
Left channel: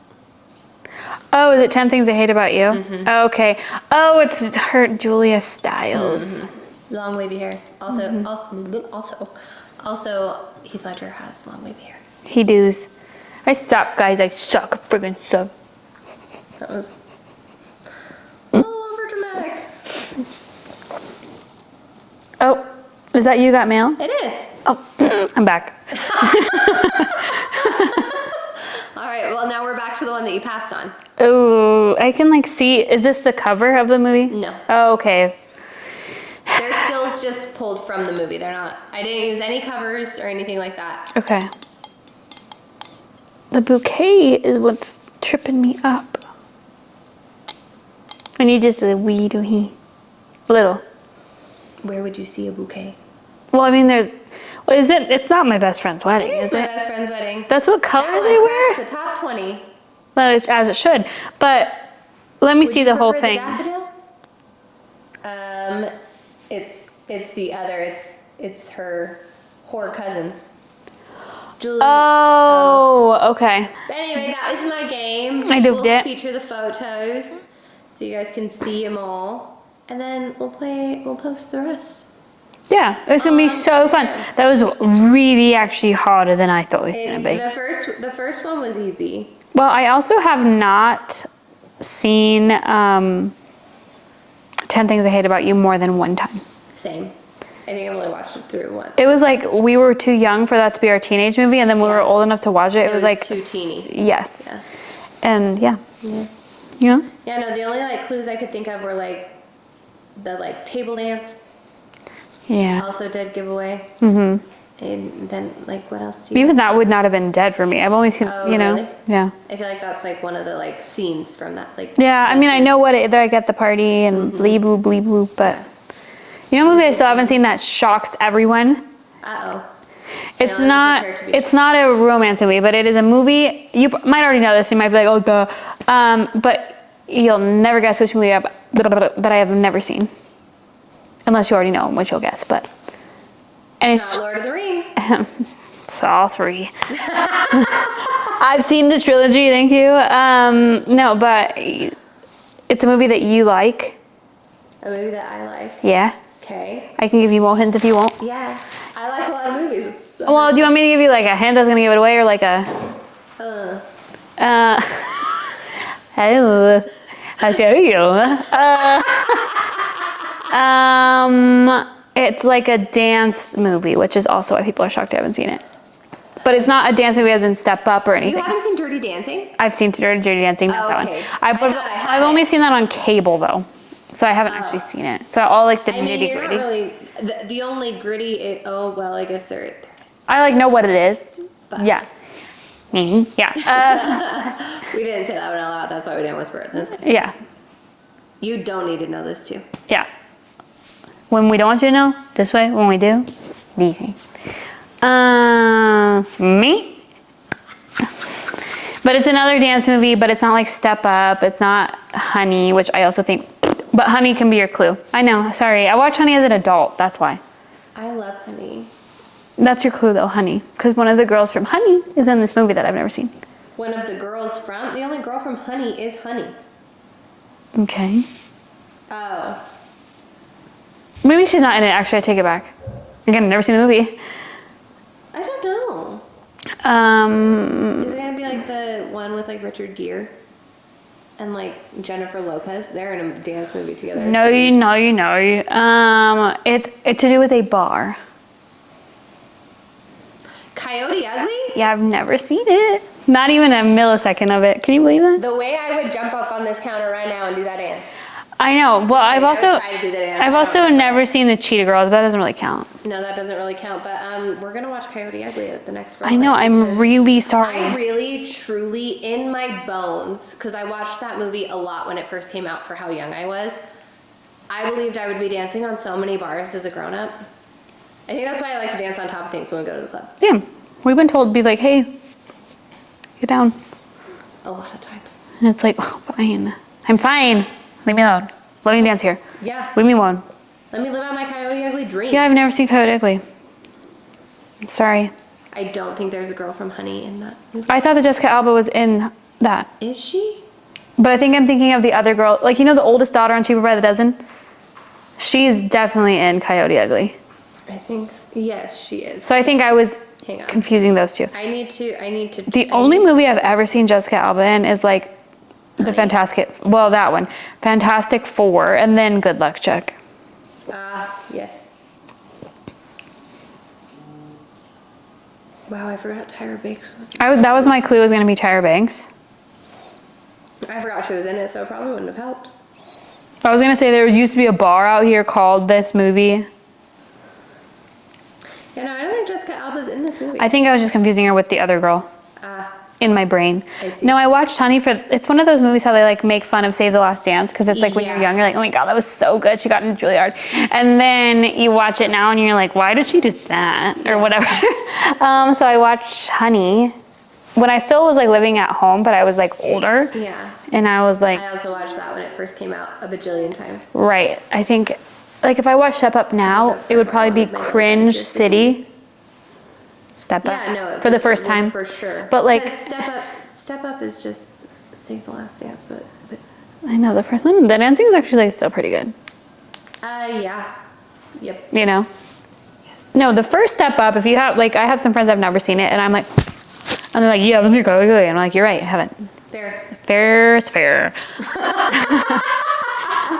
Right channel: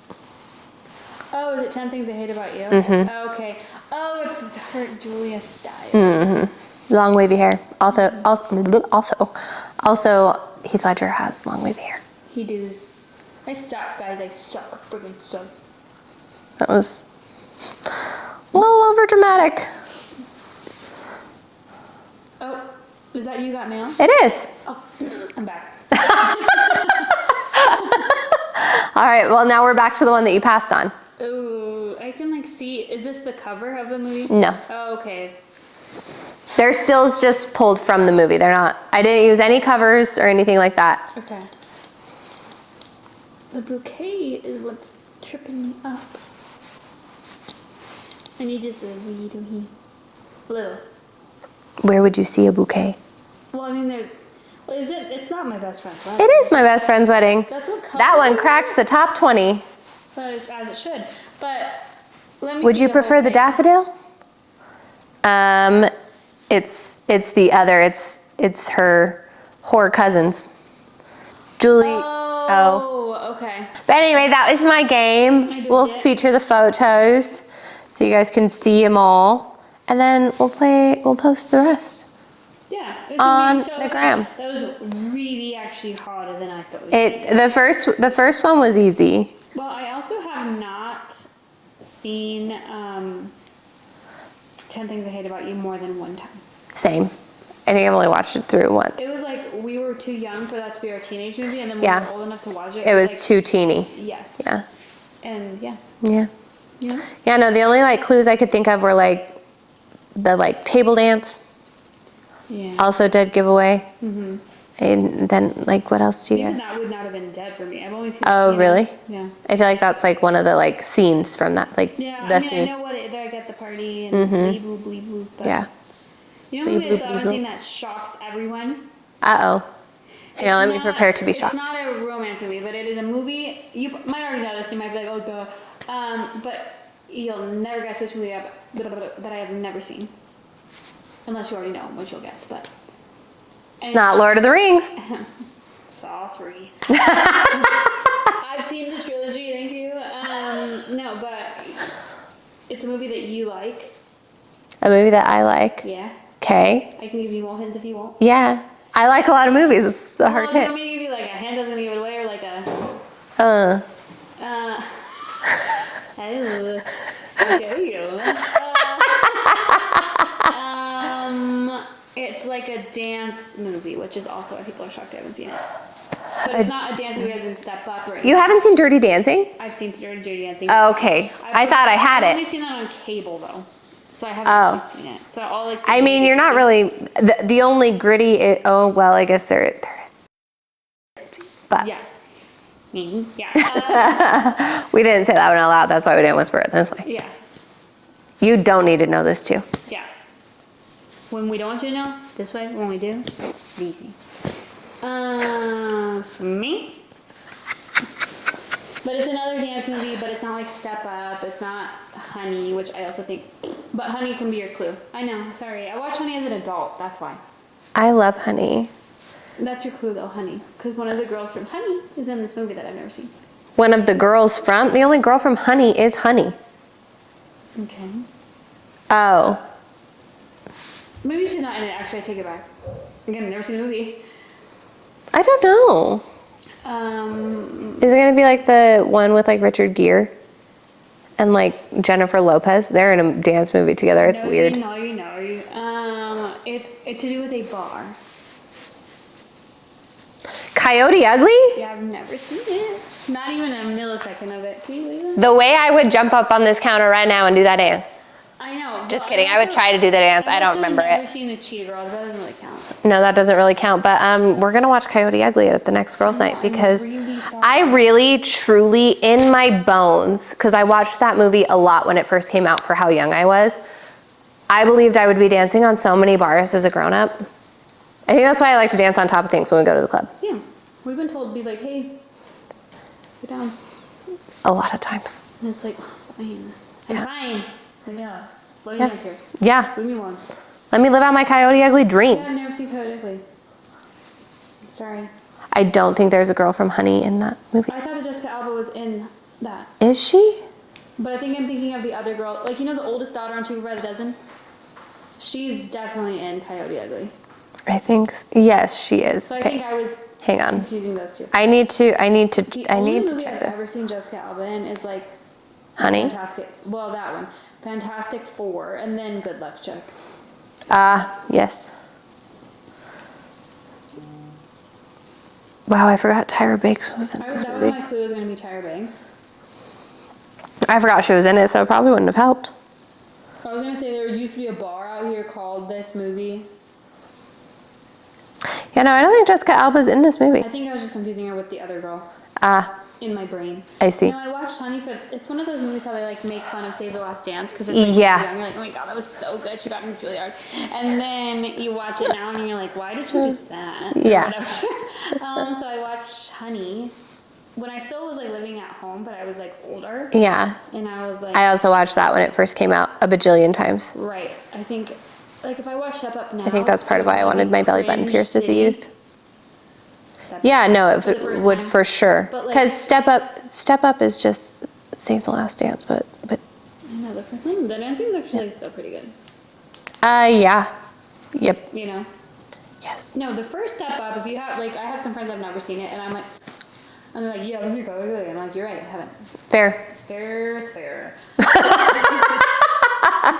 Oh, is it 10 Things I Hate About You? Oh, okay. Oh, it's her, Julia Stiles. Long wavy hair. Also, Heath Ledger has long wavy hair. He does. I suck, guys. I suck. Friggin' suck. That was a little over dramatic. Oh, is that You Got Mail? It is. Oh, I'm back. All right, well, now we're back to the one that you passed on. Oh, I can like see. Is this the cover of the movie? No. Oh, okay. They're stills just pulled from the movie. They're not, I didn't use any covers or anything like that. Okay. The bouquet is what's tripping me up. When you just a wee do he. Little. Where would you see a bouquet? Well, I mean, there's. Well, is it? It's not my best friend's wedding. It is my best friend's wedding. That's what color. That one cracks the top 20. Well, as it should. But let me Would see you the whole prefer thing. the daffodil? It's the other. It's her whore cousins. Julie. Oh, okay. But anyway, that was my game. I did We'll it. feature the photos so you guys can see them all, and then we'll post the rest. Yeah, it's gonna be On so fun. Instagram. That was really actually harder than I thought it was gonna be. The first one was easy. Well, I also have not seen 10 Things I Hate About You more than one time. Same. I think I've only watched it through once. It was like we were too young for that to be our teenage movie, and then we Yeah. were old enough to watch it. It was like too teeny. Yes. Yeah. And yeah, Yeah. you know. Yeah. No, the only like clues I could think of were like the like table dance. Yeah. Also dead giveaway. Mm-hmm. And then like what else do you? Even that would not have been dead for me. I've only seen. Oh, you know, really? Yeah. I feel like that's like one of the like scenes from that. Like Yeah. I the mean, I scene. know what it. Like at the party and bleep bloop, but Yeah. you know, a movie I Bleep, still bleep, haven't bleep. seen that shocks everyone. Uh-oh. It's let me not. prepare to be It's shocked. not a romance movie, but it is a movie. You might already know this. You might be like, oh, duh. But you'll never guess which movie that I have never seen, unless you already know which you'll guess. But and It's not Lord of the Rings. Saw 3. I've seen the trilogy. Thank you. No, but it's a movie that you like. A movie that I like. Yeah. Okay. I can give you more hints if you want. Yeah. I like a lot of movies. It's a Well, hard do you want hit. me to give you like a hint that's gonna give it away, or like a? Uh, Hello. How's you? It's like a dance movie, which is also why people are shocked I haven't seen it. But it's not a dance movie as in Step Up or anything. you haven't seen Dirty Dancing? I've seen Dirty Dancing. Oh, not that okay. one. I thought I had I've it. only seen that on cable though, so I haven't actually seen it. So all like the I mean, you're not nitty-gritty. really the only gritty. Oh well, I guess there is. I like know what it is. But- Yeah. Yeah. We didn't say that one out loud. That's why we didn't whisper it this way. Yeah. You don't need to know this too. Yeah. When we don't want you to know, this way. When we do, easy. Me? But it's another dance movie, but it's not like Step Up. It's not Honey, which I also think, but Honey can be your clue. I know, sorry. I watched Honey as an adult, that's why. I love Honey. That's your clue though, Honey. Because one of the girls from Honey is in this movie that I've never seen. One of the girls from the only girl from Honey is Honey. Okay. Oh, Maybe she's not in it, actually, I take it back. Again, I've never seen the movie. I don't know. Is it gonna be like the one with like Richard Gere and like Jennifer Lopez? They're in a dance movie together. It's No, weird. you know. It's to do with a bar. Coyote Ugly? Yeah, I've never seen it. Not even a millisecond of it. Can you believe that? The way I would jump up on this counter right now and do that dance. I know. Well, kidding. I would try to do the dance. I've I don't also remember never it. seen the Cheetah Girls, but that doesn't really count. No, that doesn't really count. But we're gonna watch Coyote Ugly at the next girls' I know. night I'm because really sorry. I really, truly, in my bones, because I watched that movie a lot when it first came out for how young I was. I believed I would be dancing on so many bars as a grown-up. I think that's why I like to dance on top of things when we go to the club. Yeah. We've been told to be like, hey, get down. A lot of times. And it's like, oh, fine. I'm fine. Leave me alone. Let me dance here. Yeah. Leave me alone. Let me live out my Coyote Ugly dreams. Yeah, I've never seen Coyote Ugly. I'm sorry. I don't think there's a girl from Honey in that movie. I thought that Jessica Alba was in that. Is she? But I think I'm thinking of the other girl. Like, you know the oldest daughter on Cheaper by the Dozen? She's definitely in Coyote Ugly. I think, yes, she is. So I think I was Hang on. confusing those two. I need to. The only movie I've ever seen Jessica Alba in is like Honey. Fantastic, well, that one, Fantastic Four, and then Good Luck Chuck. Yes. Wow, I forgot Tyra Banks was in this That was movie. my clue, was going to be Tyra Banks. I forgot she was in it, so it probably wouldn't have helped. I was going to say there used to be a bar out here called this movie. Yeah, no, I don't think Jessica Alba's in this movie. I think I was just confusing her with the other girl. in my brain. I see. No, I watched Honey it's one of those movies how they like make fun of Save the Last Dance because it's like when you're young, you're like, oh my God, that was so good. She got into Juilliard. And then you watch it now and you're like, why did she do that? Or whatever. So I watched Honey when I still was like living at home, but I was like older. Yeah. And I was like. I also watched that when it first came out a bajillion times. Right. I think, like if I watch Step Up now, that's part it would of why I probably wanted be my belly button Cringe pierced as a City. youth. Step Up. Yeah, no, for the first would time. for sure. But like. Because Step Up is just Save the Last Dance, but. I know, the first one, the dancing is actually like still pretty good. Yeah. Yep. You know? Yes. No, the first Step Up, if you have, like, I have some friends that have never seen it, and I'm like, and they're like, yeah, let's go. And I'm like, you're right, I haven't. Fair. Fair is fair.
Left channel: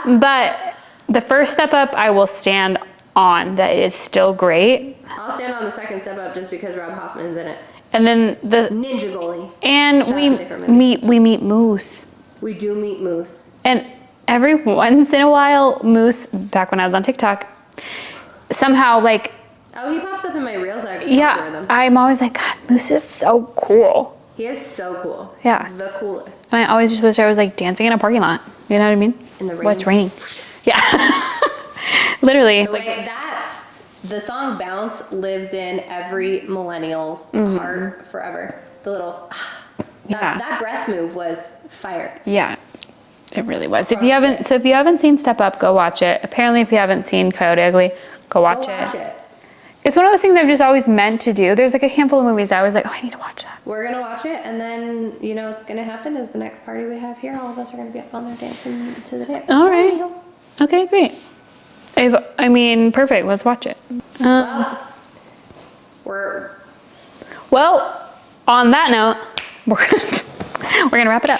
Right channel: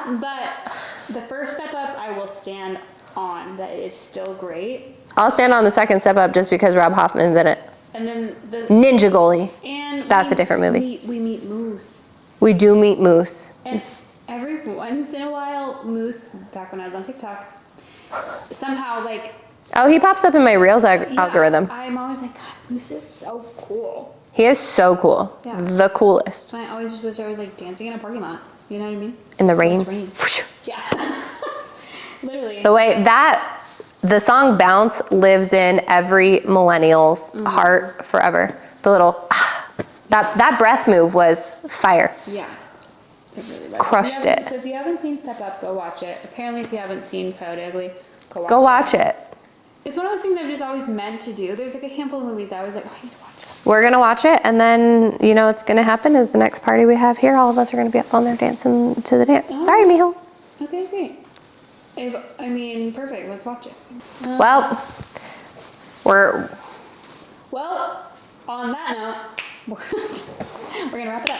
But the first Step Up, I will stand on. That is still great. I'll stand on the second Step Up just because Rob Hoffman's in it. And then the Ninja Goalie. and That's a different movie. We meet Moose. We do meet Moose. And every once in a while, Moose, back when I was on TikTok, somehow like. Oh, he pops up in my Reels algorithm. I'm always like, God, Moose is so cool. He is so cool. Yeah. The coolest. And I always just wish I was like dancing in a parking lot. You know what I mean? In the rain. Well, it's raining. Yeah. Literally. The way the song Bounce lives in every millennial's heart forever. The little, that breath move was fire. Yeah. It really was. Crushed it. So if you haven't seen Step Up, go watch it. Apparently, if you haven't seen Coyote Ugly, go watch it. Go watch it. It's one of those things I've just always meant to do. There's like a handful of movies I was like, oh, I need to watch that. We're going to watch it, and then, you know what's going to happen is the next party we have here, all of us are going to be up on there dancing to the dance. All Sorry, right. mijo. Okay, great. Perfect. Let's watch it. Well, On that note, we're gonna wrap it up.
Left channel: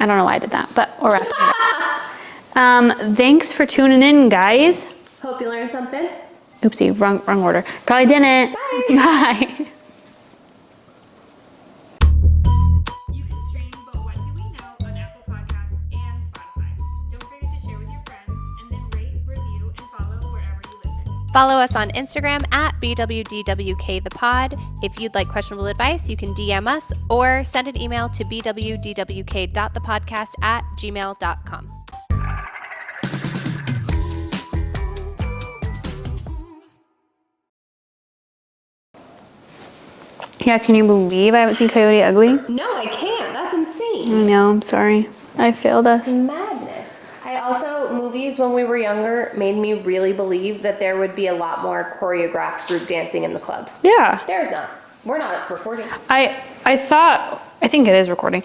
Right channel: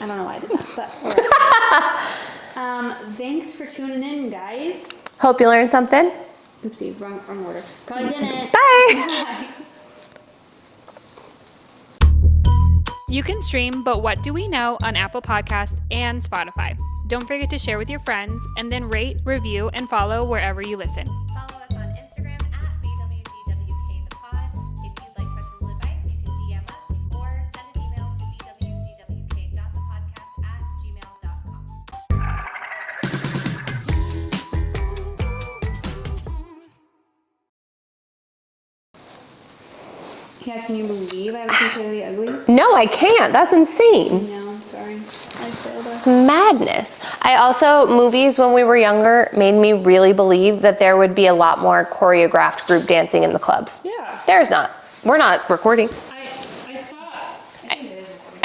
I don't know why I did that, but we're wrapping it up. Thanks for tuning in, guys. hope you learned something. Oopsie, wrong order. Probably didn't. Bye. Bye. You can stream But What Do We Know on Apple Podcasts and Spotify. Don't forget to share with your friends and then rate, review, and follow wherever you listen. Follow us on Instagram at BWDWKThePod. If you'd like questionable advice, you can DM us or send an email to bwdwk.thepodcast@gmail.com. Yeah, can you believe I haven't seen Coyote Ugly? No, I can't. That's insane. No, I'm sorry. I failed us. Madness. Movies when we were younger made me really believe that there would be a lot more choreographed group dancing in the clubs. Yeah. There's not. We're not recording. I think it is recording.